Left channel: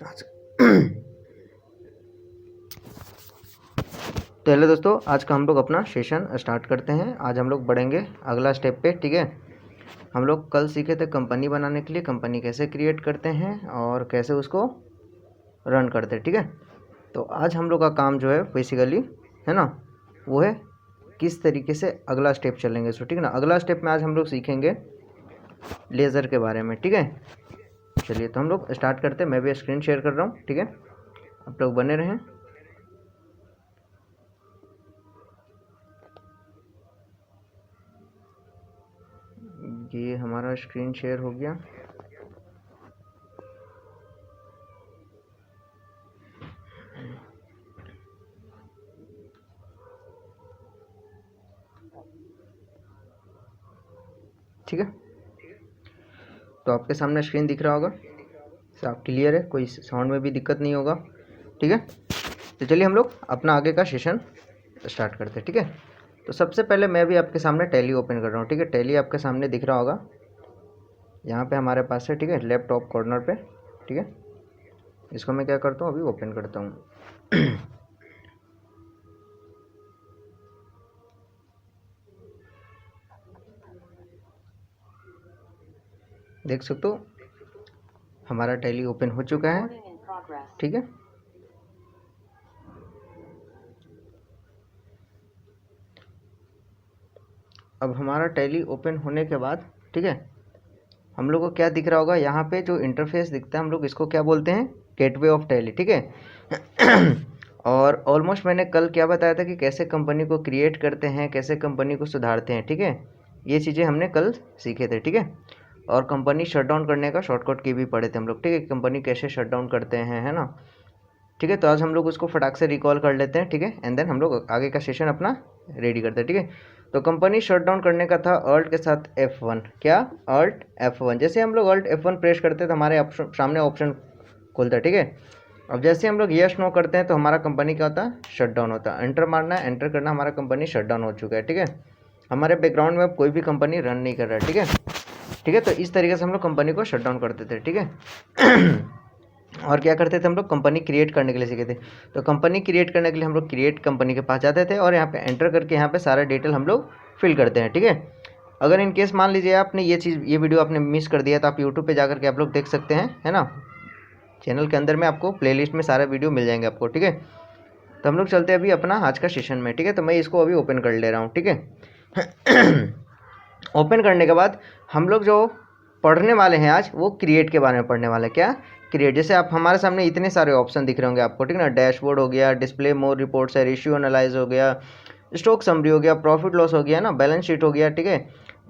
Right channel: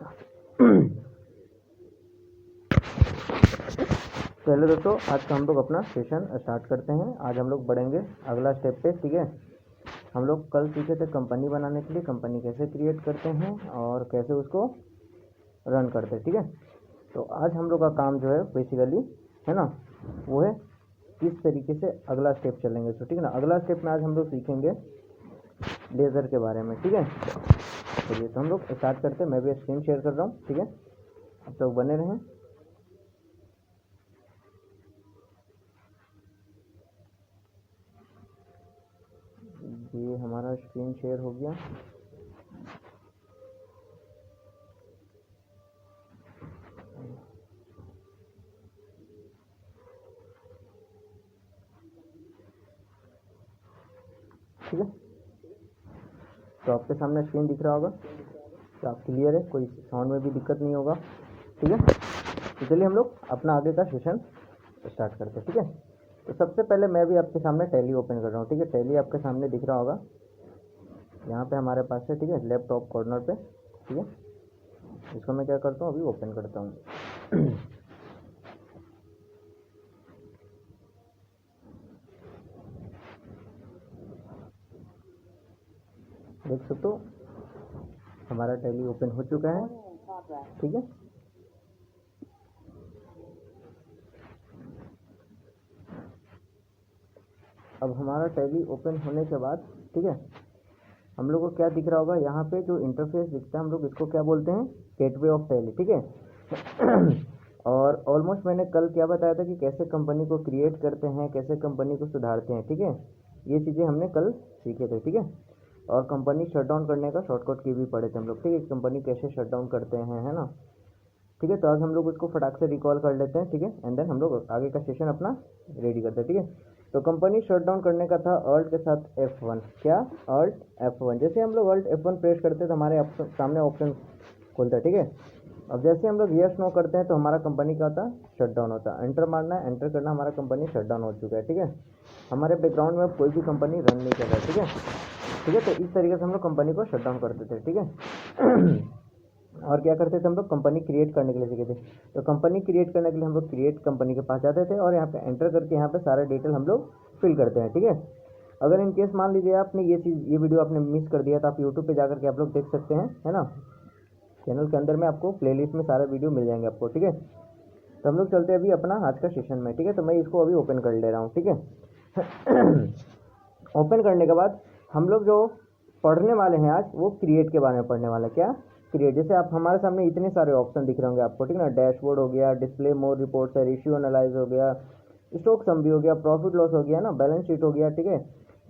आज तो हेलो दोस्तों, आज का हम लोग अपना सेशन स्टार्ट करते हैं। आज हम लोग बढ़ेंगे अगला स्टेप पे। ठीक है, हम लोग कल सीखे थे कंपनी बनाने के लिए, कंपनी कैसे क्रिएट करते हैं और कैसे उसको रन करते हैं। ठीक है, तो आज हम लोग का काम जो है बेसिकली है ना, वो है किस तरीके से अगला स्टेप चलेंगे। सो ठीक है ना, अगला स्टेप में आज हम लोग सीखेंगे लेज़र के बारे में। ठीक है, चलिए तो हम लोग स्टार्ट करते हैं। मैं भी स्क्रीन शेयर कर रहा हूँ। ठीक है, आप लोग बने रहें। ये हमारा स्क्रीन शेयर हो गया। ठीक है, तो आपके सामने स्क्रीन दिख रहा होगा, साफ क्लियर है, कोई साउंड में भी दिक्कत नहीं होगा। ठीक है, तो चलिए हम लोग अपना आगे का सेशन स्टार्ट करते हैं। ठीक है, तो सबसे पहले मैं भी आपके सामने टैली ओपन कर रहा हूँ। ठीक है, टैली आपके सामने दिख रहा होगा, यहाँ पे हमारे पास है। ठीक है, लेफ्ट टॉप कॉर्नर पे। ठीक है, इसको मैं क्या करता हूँ, अभी ओपन करता हूँ। देख सकते हो हमारा टैली ओपन हो चुका है। ठीक है, अब हमारा टैली ओपन होने के बाद ठीक है, हम लोग को क्या दिख रहा होगा, यहाँ पे जो इंटरफेस दिखता है हम लोग इसको क्या बोलते हैं, गेटवे ऑफ टैली। ठीक है, और ऑलमोस्ट मैंने कल क्या बताया था कि कैसे कंपनी को क्रिएट करते हैं, कैसे कंपनी को सुधारते हैं। ठीक है, ये चीज़ें हमने कल सीखे थे। ठीक है, और कंपनी शट डाउन करने का शॉर्टकट की भी पढ़े थे हम लोग। ठीक है, कंपनी कैसे शट डाउन करते हैं, है ना। ठीक है, तो आज हम लोग उसको फटाक से रिकॉल कर लेते हैं। ठीक है, एंड देन हम लोग आगे का सेशन अपना रेडी करते हैं। ठीक है, तो कंपनी शट डाउन करने का था अल्ट के साथ F1। क्या, अल्ट F1। जैसे हम लोग अल्ट F1 प्रेस करते हैं तो हमारे सामने ऑप्शन खुलता है। ठीक है, अब जैसे हम लोग यस नो करते हैं तो हमारा कंपनी क्या होता है, शट डाउन होता है। एंटर मारना है, एंटर करना, हमारा कंपनी शट डाउन हो चुका है। ठीक है, हमारे बैकग्राउंड में कोई भी कंपनी रन नहीं कर रहा है। ठीक है, ठीक है, तो इस तरीके से हम लोग कंपनी को शट डाउन करते थे। ठीक है, और क्या करते थे हम लोग, कंपनी क्रिएट करने के लिए सीखे थे। तो कंपनी क्रिएट करने के लिए हम लोग क्रिएट कंपनी के पास जाते थे और यहाँ पे एंटर करके यहाँ पे सारा डिटेल हम लोग फिल करते हैं। ठीक है, अगर इन केस मान लीजिए आपने ये वीडियो आपने मिस कर दिया तो आप यूट्यूब पे जाकर के आप लोग देख सकते हैं, है ना। चैनल के अंदर में आपको प्लेलिस्ट में सारे वीडियो मिल जाएंगे आपको। ठीक है, तो हम लोग चलते हैं अभी अपना आज का सेशन में। ठीक है, तो मैं इसको अभी ओपन कर ले रहा हूँ। ठीक है, ओपन करने के बाद हम लोग जो पढ़ने वाले हैं आज, वो क्रिएट के बारे में पढ़ने वाले हैं। क्या, क्रिएट। जैसे आप हमारे सामने इतने सारे ऑप्शन दिख रहे होंगे आपको। ठीक है ना, डैशबोर्ड हो गया, डिस्प्ले मोर रिपोर्ट्स है, रेशियो एनालाइज हो गया, स्टॉक समरी हो गया, प्रॉफिट लॉस हो गया ना, बैलेंस शीट हो गया। ठीक है,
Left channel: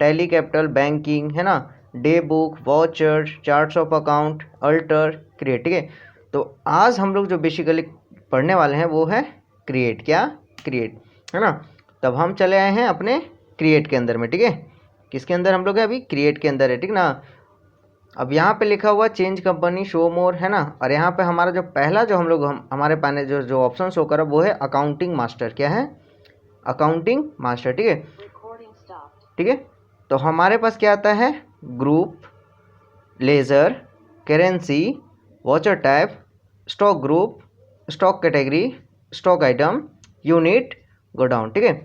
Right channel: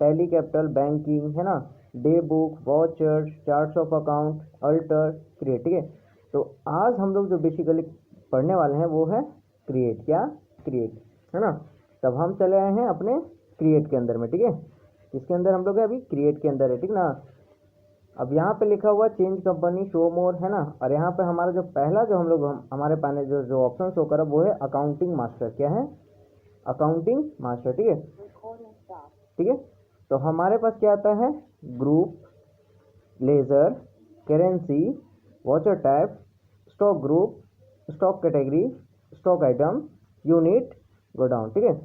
टैली कैपिटल, बैंकिंग, है ना, day book, watcher, charts of account, alter, create. ठीक है, तो आज हम लोग जो बेसिकली पढ़ने वाले हैं वो है क्रिएट। क्या, क्रिएट, है ना। तब हम चले आए हैं अपने क्रिएट के अंदर में। ठीक है, किसके अंदर हम लोग है, अभी क्रिएट के अंदर है। ठीक ना, अब यहाँ पे लिखा हुआ चेंज कंपनी, शो मोर, है ना। और यहाँ पे हमारा जो पहला जो हमारे पाने जो ऑप्शन शो कर वो है अकाउंटिंग मास्टर। क्या है, अकाउंटिंग मास्टर। ठीक है, ठीक है, तो हमारे पास क्या आता है, group, ledger, currency, voucher type, stock group, stock category, stock item, unit, godown. ठीक है,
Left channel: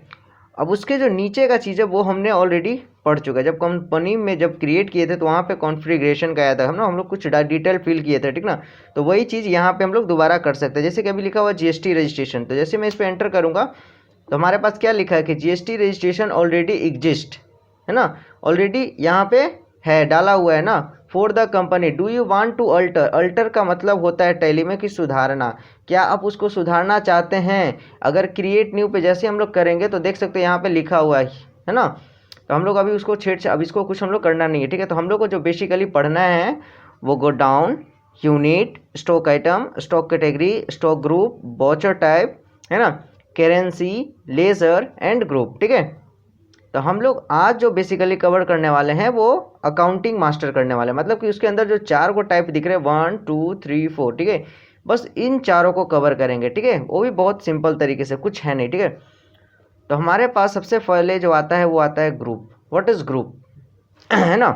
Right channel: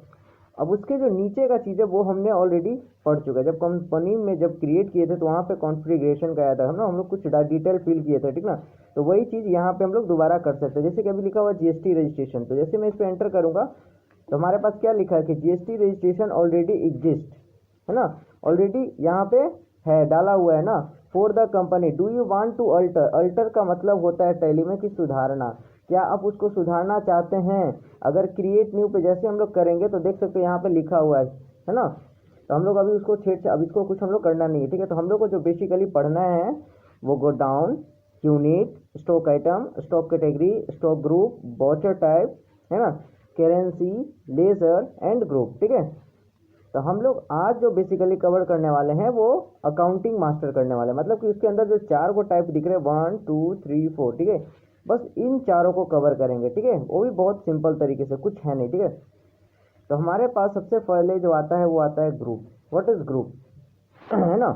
अब उसके जो नीचे का चीज़ है वो हमने ऑलरेडी पढ़ चुका है। जब कंपनी में जब क्रिएट किए थे तो वहाँ पे कॉन्फ़िगरेशन का आया था, हम लोग कुछ डिटेल फिल किए थे। ठीक ना, तो वही चीज़ यहाँ पे हम लोग दोबारा कर सकते हैं। जैसे कि अभी लिखा हुआ जीएसटी रजिस्ट्रेशन, तो जैसे मैं इस पर एंटर करूँगा तो हमारे पास क्या लिखा है कि जीएसटी रजिस्ट्रेशन ऑलरेडी एग्जिस्ट, है ना, ऑलरेडी यहाँ पे है, डाला हुआ है ना, for the company. Do you want to alter, alter का मतलब होता है टैली में कि सुधारना। क्या आप उसको सुधारना चाहते हैं। अगर क्रिएट न्यू पे जैसे हम लोग करेंगे तो देख सकते हैं यहाँ पे लिखा हुआ है ना, तो हम लोग अभी उसको अब इसको कुछ हम लोग करना नहीं है। ठीक है, तो हम लोग को जो बेसिकली पढ़ना है वो go down, unit, stock item, stock category, stock group, watcher type, है ना, करेंसी, लेजर एंड ग्रुप। ठीक है, तो हम लोग आज जो बेसिकली कवर करने वाले हैं वो अकाउंटिंग मास्टर करने वाले हैं। मतलब कि उसके अंदर जो 4 को टाइप दिख रहे हैं, 1 2 3 4। ठीक है, बस इन चारों को कवर करेंगे। ठीक है, वो भी बहुत सिंपल तरीके से, कुछ है नहीं। ठीक है, तो हमारे पास सबसे पहले जो आता है वो आता है ग्रुप। व्हाट इज ग्रुप, है ना।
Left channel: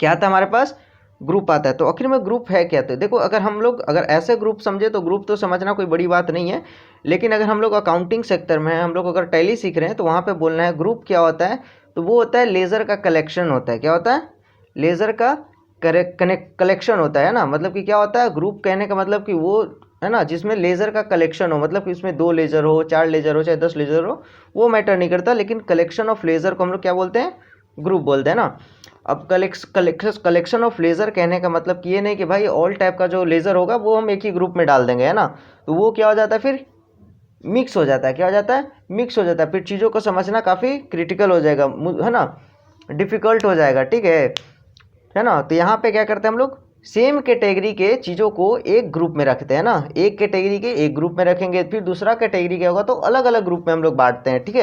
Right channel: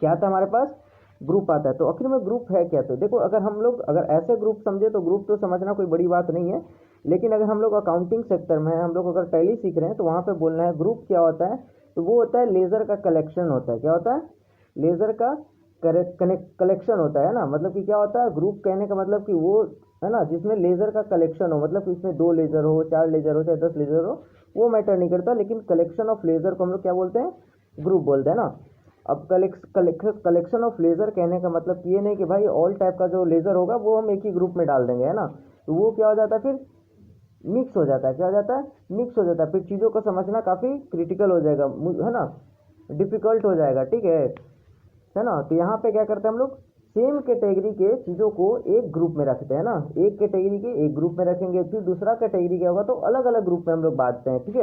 क्या आता है हमारे पास, ग्रुप आता है। तो आखिर में ग्रुप है क्या? तो देखो, अगर हम लोग अगर ऐसे ग्रुप समझे तो ग्रुप तो समझना कोई बड़ी बात नहीं है, लेकिन अगर हम लोग अकाउंटिंग सेक्टर में हैं, हम लोग अगर टैली सीख रहे हैं, तो वहाँ पे बोलना है ग्रुप क्या होता है। तो वो होता है लेज़र का कलेक्शन होता है। क्या होता है? लेज़र का कलेक्शन होता है ना। मतलब कि क्या होता है ग्रुप कहने का मतलब कि वो है ना जिसमें लेज़र का कलेक्शन हो, मतलब कि उसमें 2 लेज़र हो, 4 लेज़र हो, चाहे 10 लेज़र हो, वो मैटर नहीं करता, लेकिन कलेक्शन ऑफ लेज़र को हम लोग क्या बोलते हैं? ग्रुप बोलते हैं ना। अब कलेक्शन ऑफ लेज़र कहने का मतलब कि ये नहीं कि भाई ऑल टाइप का जो लेज़र होगा वो हम एक ही ग्रुप में डाल देंगे, है ना। तो वो क्या हो जाता है फिर? मिक्स हो जाता है। क्या हो जाता है? मिक्स हो जाता है। फिर चीज़ों को समझना काफ़ी क्रिटिकल हो जाएगा, है ना, डिफ़िकल्ट हो जाएगा, ठीक है ना। तो यहाँ पे क्या करते हैं हम लोग? सेम कैटेगरी के चीज़ों को एक ग्रुप में रखते हैं ना। एक कैटेगरी के एक ग्रुप में रखेंगे, फिर दूसरा कैटेगरी क्या होगा तो अलग अलग ग्रुप में हम लोग बांटते हैं, ठीक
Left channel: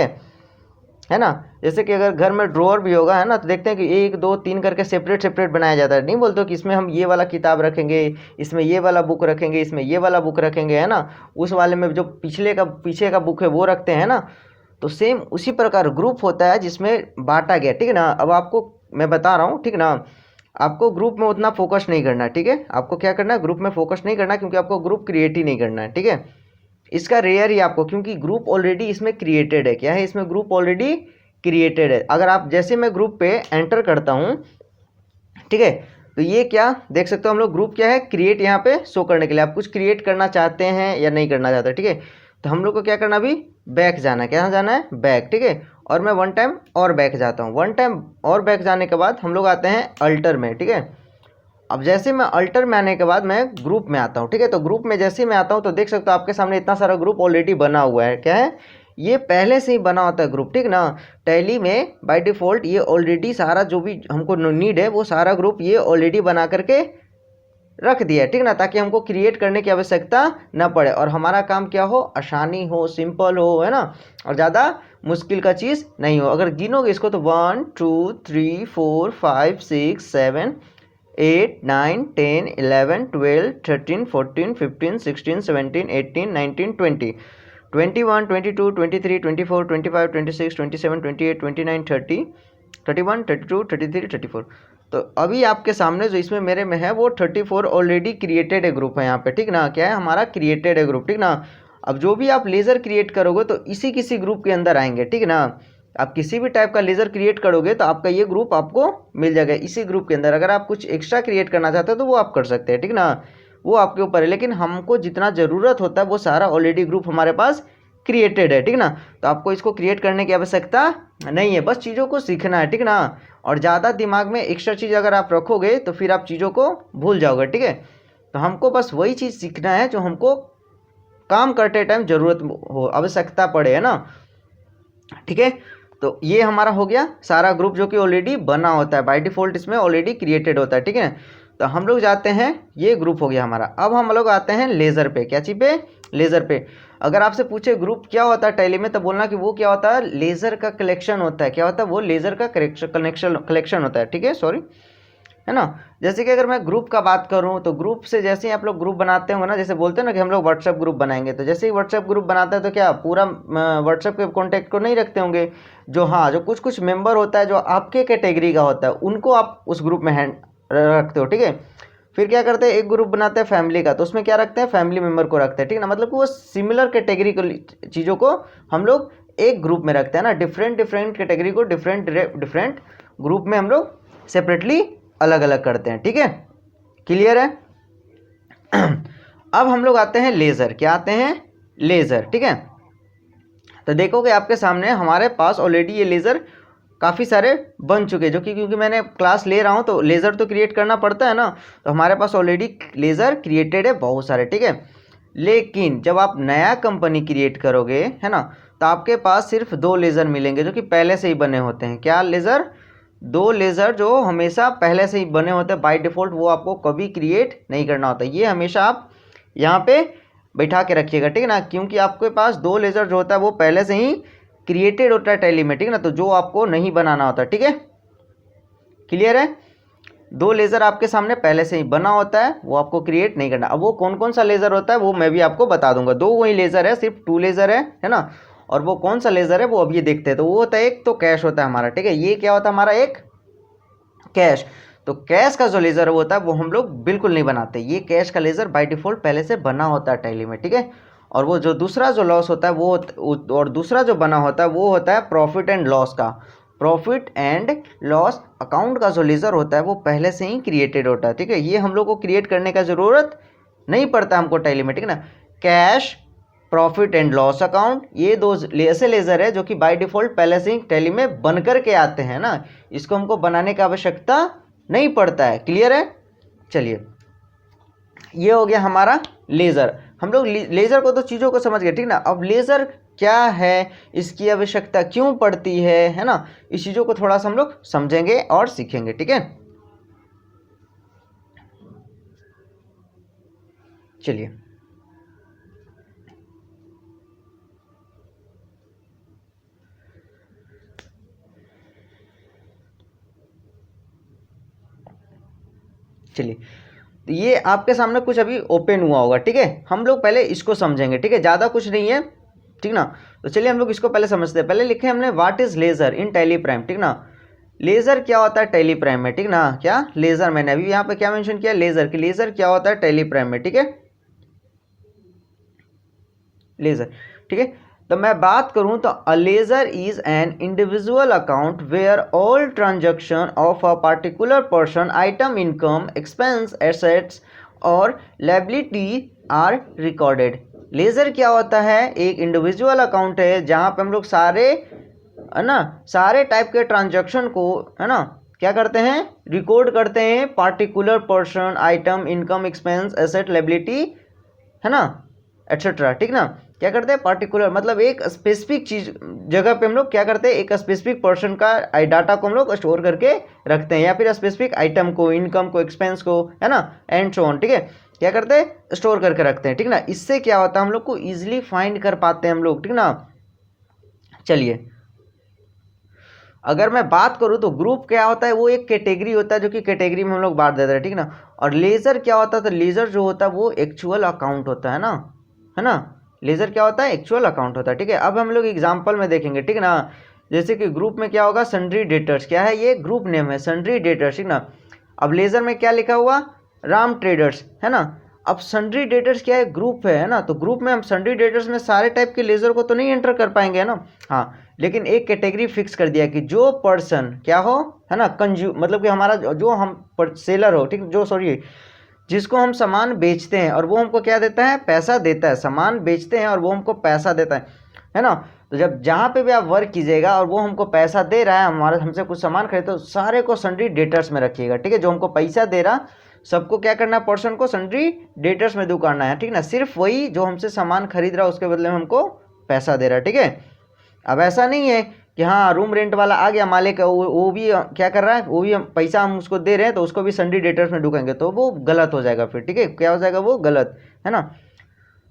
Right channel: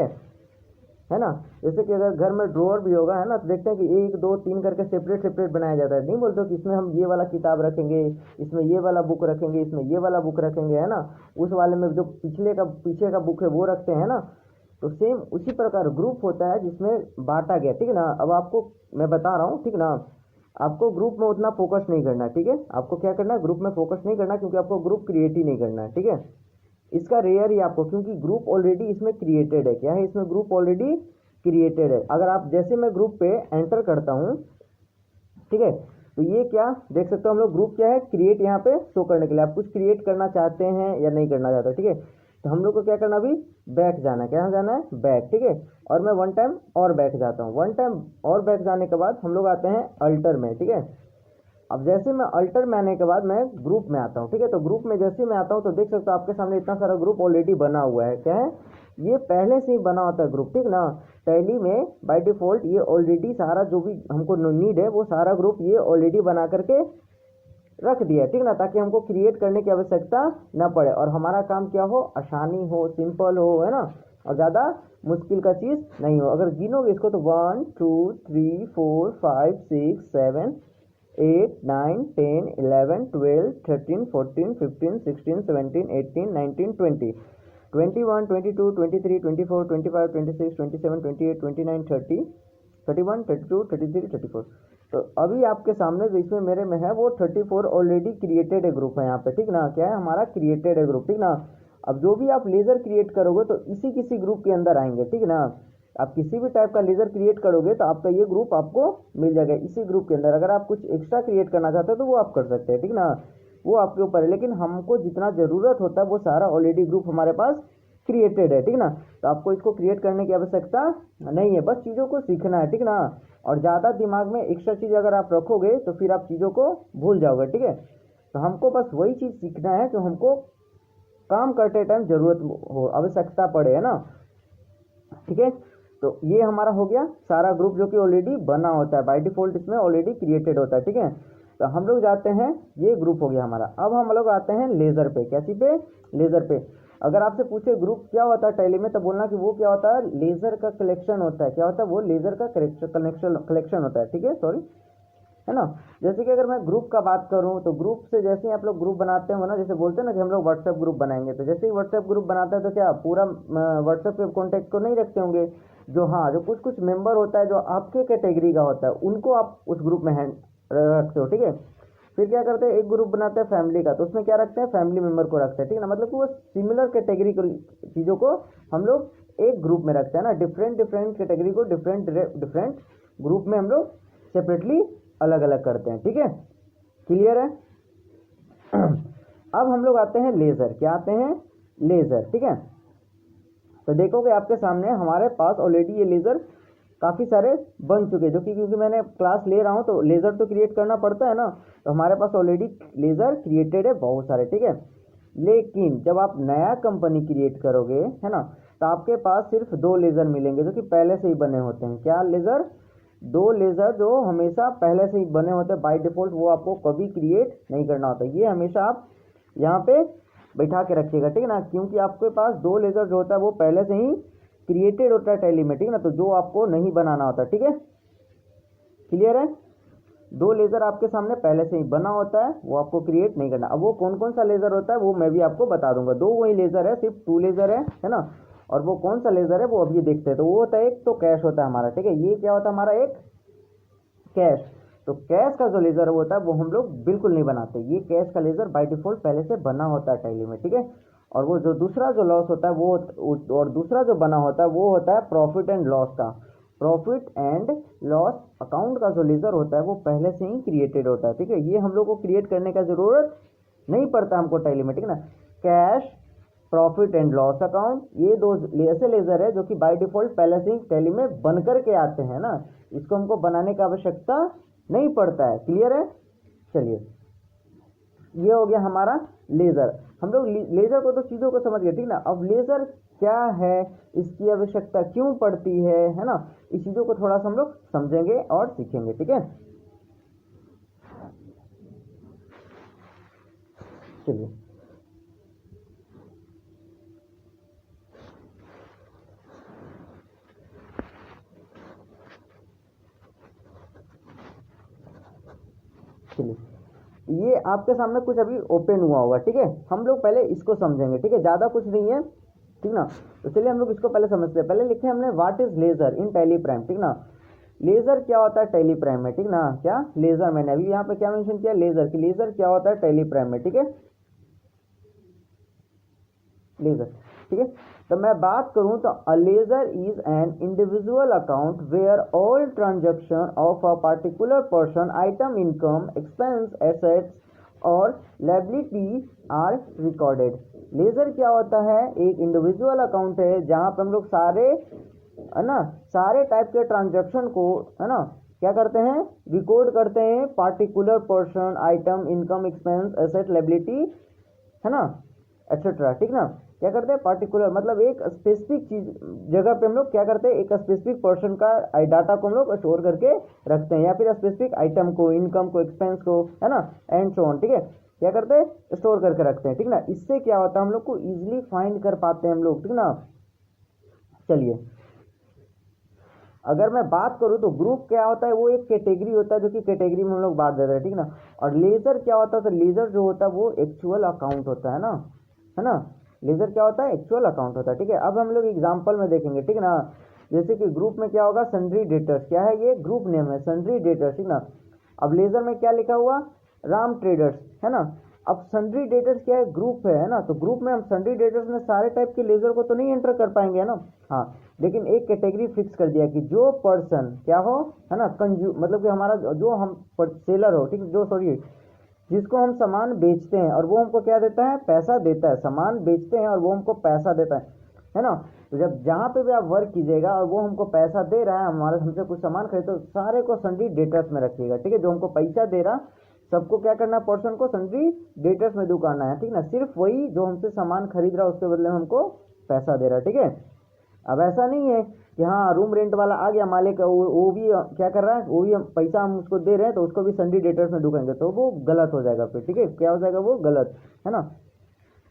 है ना। जैसे कि अगर घर में ड्रॉअर भी होगा, है ना, तो देखते हैं कि 1 2 3 करके सेपरेट सेपरेट बनाया जाता है। नहीं बोलते हो कि इसमें हम ये वाला किताब रखेंगे, इसमें ये वाला बुक रखेंगे, इसमें ये वाला बुक रखेंगे, है ना। उस वाले में जो पीछे का बुक है वो रखते हैं ना। तो सेम उसी प्रकार ग्रुप होता है जिसमें बांटा गया, ठीक है ना। अब आपको मैं बता रहा हूँ, ठीक ना, आपको ग्रुप में उतना फोकस नहीं करना है, ठीक है। आपको क्या करना है? ग्रुप में फोकस नहीं करना, क्योंकि आपको ग्रुप क्रिएट ही नहीं करना है, ठीक है। इसका रेयर ही आपको, क्योंकि ग्रुप ऑलरेडी इसमें क्रिएटेड है। क्या है? इसमें ग्रुप ऑलरेडी क्रिएटेड है। अगर आप जैसे मैं ग्रुप पे एंटर करता हूँ, ठीक है, तो ये क्या देख सकते हो हम लोग? ग्रुप क्या है? क्रिएट, यहाँ पे शो करने के लिए आप कुछ क्रिएट करना चाहते हैं या नहीं करना चाहते, ठीक है। तो हम लोग को क्या करना? अभी बैक जाना है। क्या जाना है? बैक, ठीक है। और मैं 1 टाइम और बैक जाता हूँ। 1 टाइम और बैक जाने के बाद हम लोग आते हैं अल्टर में, ठीक है। अब जैसे मैं अल्टर में आने के बाद मैं ग्रुप में आता हूँ, ठीक है। तो ग्रुप में जैसे ही मैं आता हूँ तो देख सकते हो आपके सामने इतना सारा ग्रुप ऑलरेडी बना हुआ है। क्या है? ये पहले से ही बना होता है ग्रुप, ठीक ना। टैली में बाय डिफ़ॉल्ट ये ऑलरेडी सारा जो भी हमको नीड है वो सारा ग्रुप ये ऑलरेडी बना करके रख दिया है, ठीक ना, ताकि हमको क्रिएट करने की आवश्यकता ना पड़े और हमारा काम क्या हो? आसानी हो, सिंपल हो, है ना, और ज़्यादा मुश्किल का चीज़ नहीं हो। अगर गिनोगे इसको तो 1 2 3 4 5 6 7 8 9 10 11 12 13 14 15 16 17 18 19 20 21 22 23 24 25 26 27 28 29 30 31 32 33 34। तो अभी आपके सामने जो इसमें मेरे में है वो 34 ऑलरेडी क्रिएटेड है ग्रुप है यहाँ पे, ठीक ना। क्या है? हमारा क्रिएटेड है ग्रुप, ठीक ना। अब जो भी आप लेज़र क्रिएट करोगे तो इसी किसी ग्रुप के अंदर आएंगे, ठीक ना। आप किसी भी टाइप का लेज़र क्रिएट करोगे तो आपका ये ग्रुप आपको मिल जाएगा इसी ग्रुप के अंदर। अगर आप कुछ एक्स्ट्रा क्रिएट करना चाहते हो तो वो आप कर सकते हैं, ठीक ना, वो आपके ऊपर है। लेकिन हमको जितना ज़रूरत होता है वो सारा ऑलरेडी ग्रुप हमारे पास क्रिएटेड है, ठीक ना। तो आपको इसको क्रिएट करने की आवश्यकता नहीं है, बस चीज़ों को सीखना है, ठीक ना। और ज़्यादा दिमाग में एक्स्ट्रा चीज़ अगर आप रखोगे तो फिर आप चीज़ों को भूल जाओगे, ठीक है। तो हमको बस वही चीज़ सीखना है जो हमको काम करते टाइम ज़रूरत हो, आवश्यकता पड़े, है ना, ठीक है। तो ये हमारा हो गया सारा ग्रुप जो कि ऑलरेडी बना होता है, बाय डिफ़ॉल्ट इसमें ऑलरेडी क्रिएटेड होता है, ठीक है। तो हम लोग जाते हैं, ये ग्रुप हो गया हमारा। अब हम लोग आते हैं लेज़र पे। क्या चीज़ पे? लेज़र पे। अगर आपसे पूछे ग्रुप क्या होता है टैली में, तो बोलना कि वो क्या होता है? लेज़र का कलेक्शन होता है। क्या होता है? वो लेज़र का कलेक्शन होता है, ठीक है, सॉरी, है ना। जैसे कि अगर मैं ग्रुप का बात करूं तो ग्रुप से जैसे ही आप लोग ग्रुप बनाते होंगे ना, जैसे बोलते हैं ना कि हम लोग व्हाट्सएप ग्रुप बनाएंगे, तो जैसे ही व्हाट्सएप ग्रुप बनाते हैं तो क्या पूरा व्हाट्सएप के कॉन्टैक्ट को नहीं रखते होंगे। जो हाँ जो कुछ कुछ मेंबर होता है जो आपके कैटेगरी का होता है उनको आप उस ग्रुप में रखते हो, ठीक है। फिर क्या करते हैं? एक ग्रुप बनाते हैं फैमिली का, तो उसमें क्या रखते हैं? फैमिली मेम्बर को रखते हैं, ठीक है ना। मतलब कि वो सिमिलर कैटेगरी को चीज़ों को हम लोग एक ग्रुप में रखते हैं ना। डिफरेंट डिफरेंट कैटेगरी को डिफरेंट डिफरेंट ग्रुप में हम लोग सेपरेटली अलग अलग करते हैं, ठीक है, क्लियर है। अब हम लोग आते हैं लेज़र। क्या आते हैं? लेज़र, ठीक है। तो देखोगे आपके सामने हमारे पास ऑलरेडी ये लेज़र काफ़ी सारे बन चुके हैं, जो कि क्योंकि मैंने क्लास ले रहा हूँ तो लेज़र तो क्रिएट करना पड़ता है ना। तो हमारे पास ऑलरेडी लेज़र क्रिएटेड है बहुत सारे, ठीक है। लेकिन जब आप नया कंपनी क्रिएट करोगे, है ना, तो आपके पास सिर्फ 2 लेज़र मिलेंगे जो कि पहले से ही बने होते हैं। क्या लेज़र? 2 लेज़र जो हमेशा पहले से ही बने होते हैं बाय डिफ़ॉल्ट, वो आपको कभी क्रिएट नहीं करना होता। ये हमेशा आप यहाँ पे बैठा के रखिएगा, ठीक है ना, क्योंकि आपके पास 2 लेज़र जो होता है वो पहले से ही क्रिएटेड होता है टैली में, ठीक है ना, तो जो आपको नहीं बनाना होता, ठीक है, क्लियर है। 2 लेज़र आपके सामने पहले से ही बना होता है, वो आपको क्रिएट नहीं करना। अब वो कौन कौन सा लेज़र होता है वो मैं भी आपको बता दूंगा। 2 वही लेज़र है, सिर्फ 2 लेज़र है ना। और वो कौन सा लेज़र है वो अब ये देखते हैं। तो वो होता है, एक तो कैश होता है हमारा, ठीक है, ये क्या होता है हमारा? एक कैश। तो कैश का जो लेजर होता है वो हम लोग बिल्कुल नहीं बनाते, ये कैश का लेजर बाय डिफॉल्ट पहले से बना होता है टैली में, ठीक है। और वो जो दूसरा जो लॉस होता है वो, और दूसरा जो बना होता है वो होता है प्रॉफिट एंड लॉस का। प्रॉफिट एंड लॉस अकाउंट का जो लेजर होता है वो पहले से ही क्रिएटेड होता है, ठीक है। ये हम लोग को क्रिएट करने का जरूरत नहीं पड़ता हमको टैली में, ठीक है ना। Cash, profit and loss account, ये दो ऐसे लेजर है जो कि बाय डिफॉल्ट पहले से ही टैली में बन करके आते हैं ना, इसको हमको बनाने की आवश्यकता नहीं पड़ता है। क्लियर है? चलिए, ये हो गया हमारा लेजर। हम लोग लेजर को तो चीज़ों को समझ गए, ठीक ना। अब लेजर क्या है, इसकी आवश्यकता क्यों पड़ती है ना, इस चीज़ों को थोड़ा सा हम लोग समझेंगे और सीखेंगे, ठीक है। चलिए, चलिए, तो ये आपके सामने कुछ अभी ओपन हुआ होगा, ठीक है। हम लोग पहले इसको समझेंगे, ठीक है, ज़्यादा कुछ नहीं है, ठीक ना। तो चलिए हम लोग इसको पहले समझते हैं। पहले लिखे हमने what is ledger in Tally Prime, ठीक ना। लेजर क्या होता है टैली प्राइम में, ठीक ना। क्या लेजर, मैंने अभी यहाँ पे क्या मेंशन किया, लेजर की, लेजर क्या होता है टैली प्राइम में, ठीक है, लेजर, ठीक है। तो मैं बात करूं तो a ledger is an individual account where all transaction of a particular person, item, income, expense, assets और लायबिलिटी आर रिकॉर्डेड। लेजर क्या होता है, एक इंडिविजुअल अकाउंट है जहां पे हम लोग सारे, है ना, सारे टाइप के ट्रांजैक्शन को, है ना, क्या करते हैं, रिकॉर्ड करते हैं। Particular person, item, income, expense, asset, liability, है ना, एटसेट्रा, ठीक ना। क्या करते हैं, पार्टिकुलर मतलब एक स्पेसिफिक चीज जगह पे हम लोग क्या करते हैं, एक स्पेसिफिक पर्सन का डाटा को हम लोग स्टोर करके रखते हैं, या फिर स्पेसिफिक आइटम को, इनकम को, एक्सपेंस को, है ना, एंड सो ऑन, ठीक है। क्या करते हैं, स्टोर करके रखते हैं, ठीक ना। इससे क्या होता है, हम लोग को इजिली फाइंड कर पाते हैं हम लोग, ठीक ना। चलिए, अगर मैं बात करूं तो ग्रुप क्या होता है, वो एक कैटेगरी होता है जो कि कैटेगरी में हम लोग बांट देते हैं, ठीक ना। और लेजर क्या होता है, तो लेजर जो होता है वो एक्चुअल अकाउंट होता है ना। लेजर क्या होता है, एक्चुअल अकाउंट होता है, ठीक है। अब हम लोग एग्जांपल में देखेंगे, ठीक है ना। जैसे कि ग्रुप में क्या होगा, सन्ड्री डेटर्स, क्या है, ये ग्रुप नेम है, सन्ड्री डेटर्स, ठीक ना। अब लेजर में क्या लिखा हुआ, राम ट्रेडर्स, है ना। अब सन्ड्री डेटर्स क्या है, ग्रुप है ना। तो ग्रुप में हम सन्ड्री डेटर्स में सारे टाइप के लेजर को तो नहीं एंटर कर पाएंगे, है ना। हाँ, लेकिन एक कैटेगरी फिक्स कर दिया कि जो पर्सन क्या हो, है ना, मतलब कि हमारा जो हम सेलर हो, ठीक, जो सॉरी जिसको हम सामान बेचते हैं और वो हमको क्या देता है, पैसा देता है। सामान बेचते हैं और वो हमको पैसा देता है ना। तो जब जहाँ पे भी आप वर्क कीजिएगा और वो हमको पैसा दे रहा है, हमारे हमसे कुछ सामान खरीदे, तो सारे को सन्ड्री डेटर्स में रखिएगा, ठीक है। जो हमको पैसा दे रहा सबको क्या करना है, पर्सन को सन्ड्री डेटर्स में दुकाना है, ठीक ना। सिर्फ वही जो हमसे सामान खरीद रहा है उसके बदले में हमको पैसा दे रहा है, ठीक है। अब ऐसा नहीं है कि हाँ रूम रेंट वाला आ गया मालिक, वो भी क्या कर रहा है, वो भी पैसा हम उसको दे रहे हैं तो उसको भी सन्ड्री डेटर्स में ढूकेंगे तो वो गलत हो जाएगा फिर, ठीक है। क्या हो जाएगा, वो गलत, है ना।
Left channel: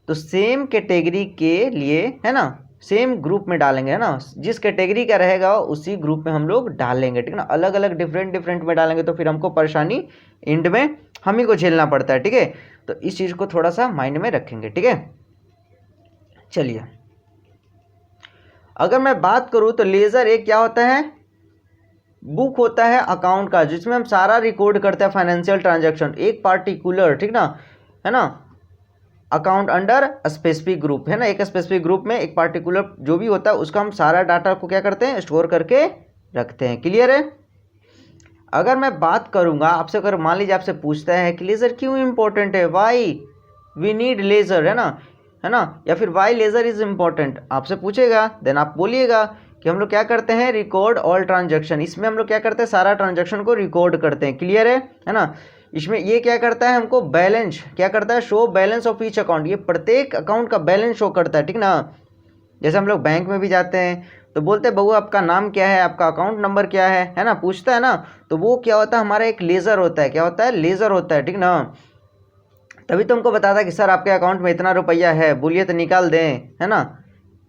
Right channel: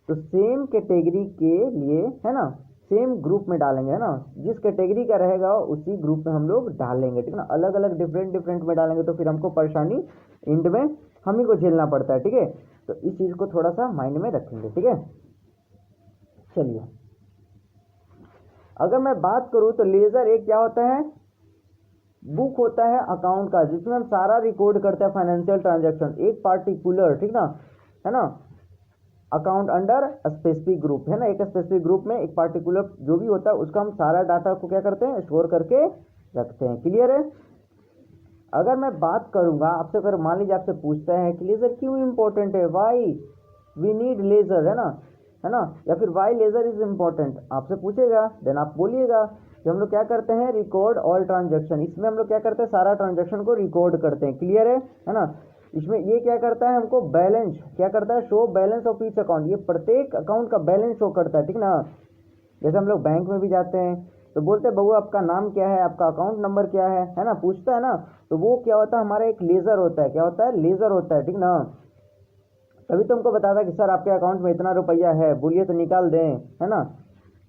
तो सेम कैटेगरी के लिए, है ना, सेम ग्रुप में डालेंगे, है ना। जिस कैटेगरी का रहेगा उसी ग्रुप में हम लोग डालेंगे, ठीक है ना। अलग अलग डिफरेंट डिफरेंट में डालेंगे तो फिर हमको परेशानी एंड में हम ही को झेलना पड़ता है, ठीक है। तो इस चीज़ को थोड़ा सा माइंड में रखेंगे, ठीक है। चलिए, अगर मैं बात करूं तो लेजर एक क्या होता है, बुक होता है अकाउंट का, जिसमें हम सारा रिकॉर्ड करते हैं फाइनेंशियल ट्रांजैक्शन, एक पार्टिकुलर, ठीक ना, है ना, अकाउंट अंडर स्पेसिफिक ग्रुप, है ना। एक स्पेसिफिक ग्रुप में एक पार्टिकुलर जो भी होता है उसका हम सारा डाटा को क्या करते हैं, स्टोर करके रखते हैं। क्लियर है? अगर मैं बात करूंगा आपसे, अगर मान लीजिए आपसे पूछता है कि लेजर क्यों इंपॉर्टेंट है, वाई वी नीड लेजर, है ना, या फिर वाई लेजर इज इंपॉर्टेंट, आपसे पूछेगा, देन आप बोलिएगा कि हम लोग क्या करते हैं, रिकॉर्ड ऑल ट्रांजैक्शन। इसमें हम लोग क्या करते हैं, सारा ट्रांजैक्शन को रिकॉर्ड करते हैं। क्लियर है ना। इसमें ये क्या करता है, हमको बैलेंस क्या करता है, show balance of each account, ये प्रत्येक अकाउंट का बैलेंस शो करता है, ठीक ना। जैसे हम लोग बैंक में भी जाते हैं तो बोलते हैं बहू आपका नाम क्या है, आपका अकाउंट नंबर क्या है ना, पूछता है ना। तो वो क्या होता है, हमारा एक लेजर होता है, क्या होता है, लेजर होता है, ठीक ना। तभी तो हमको बताता है कि सर आपके अकाउंट में इतना रुपया है, बोलिए तो निकाल दें, है ना,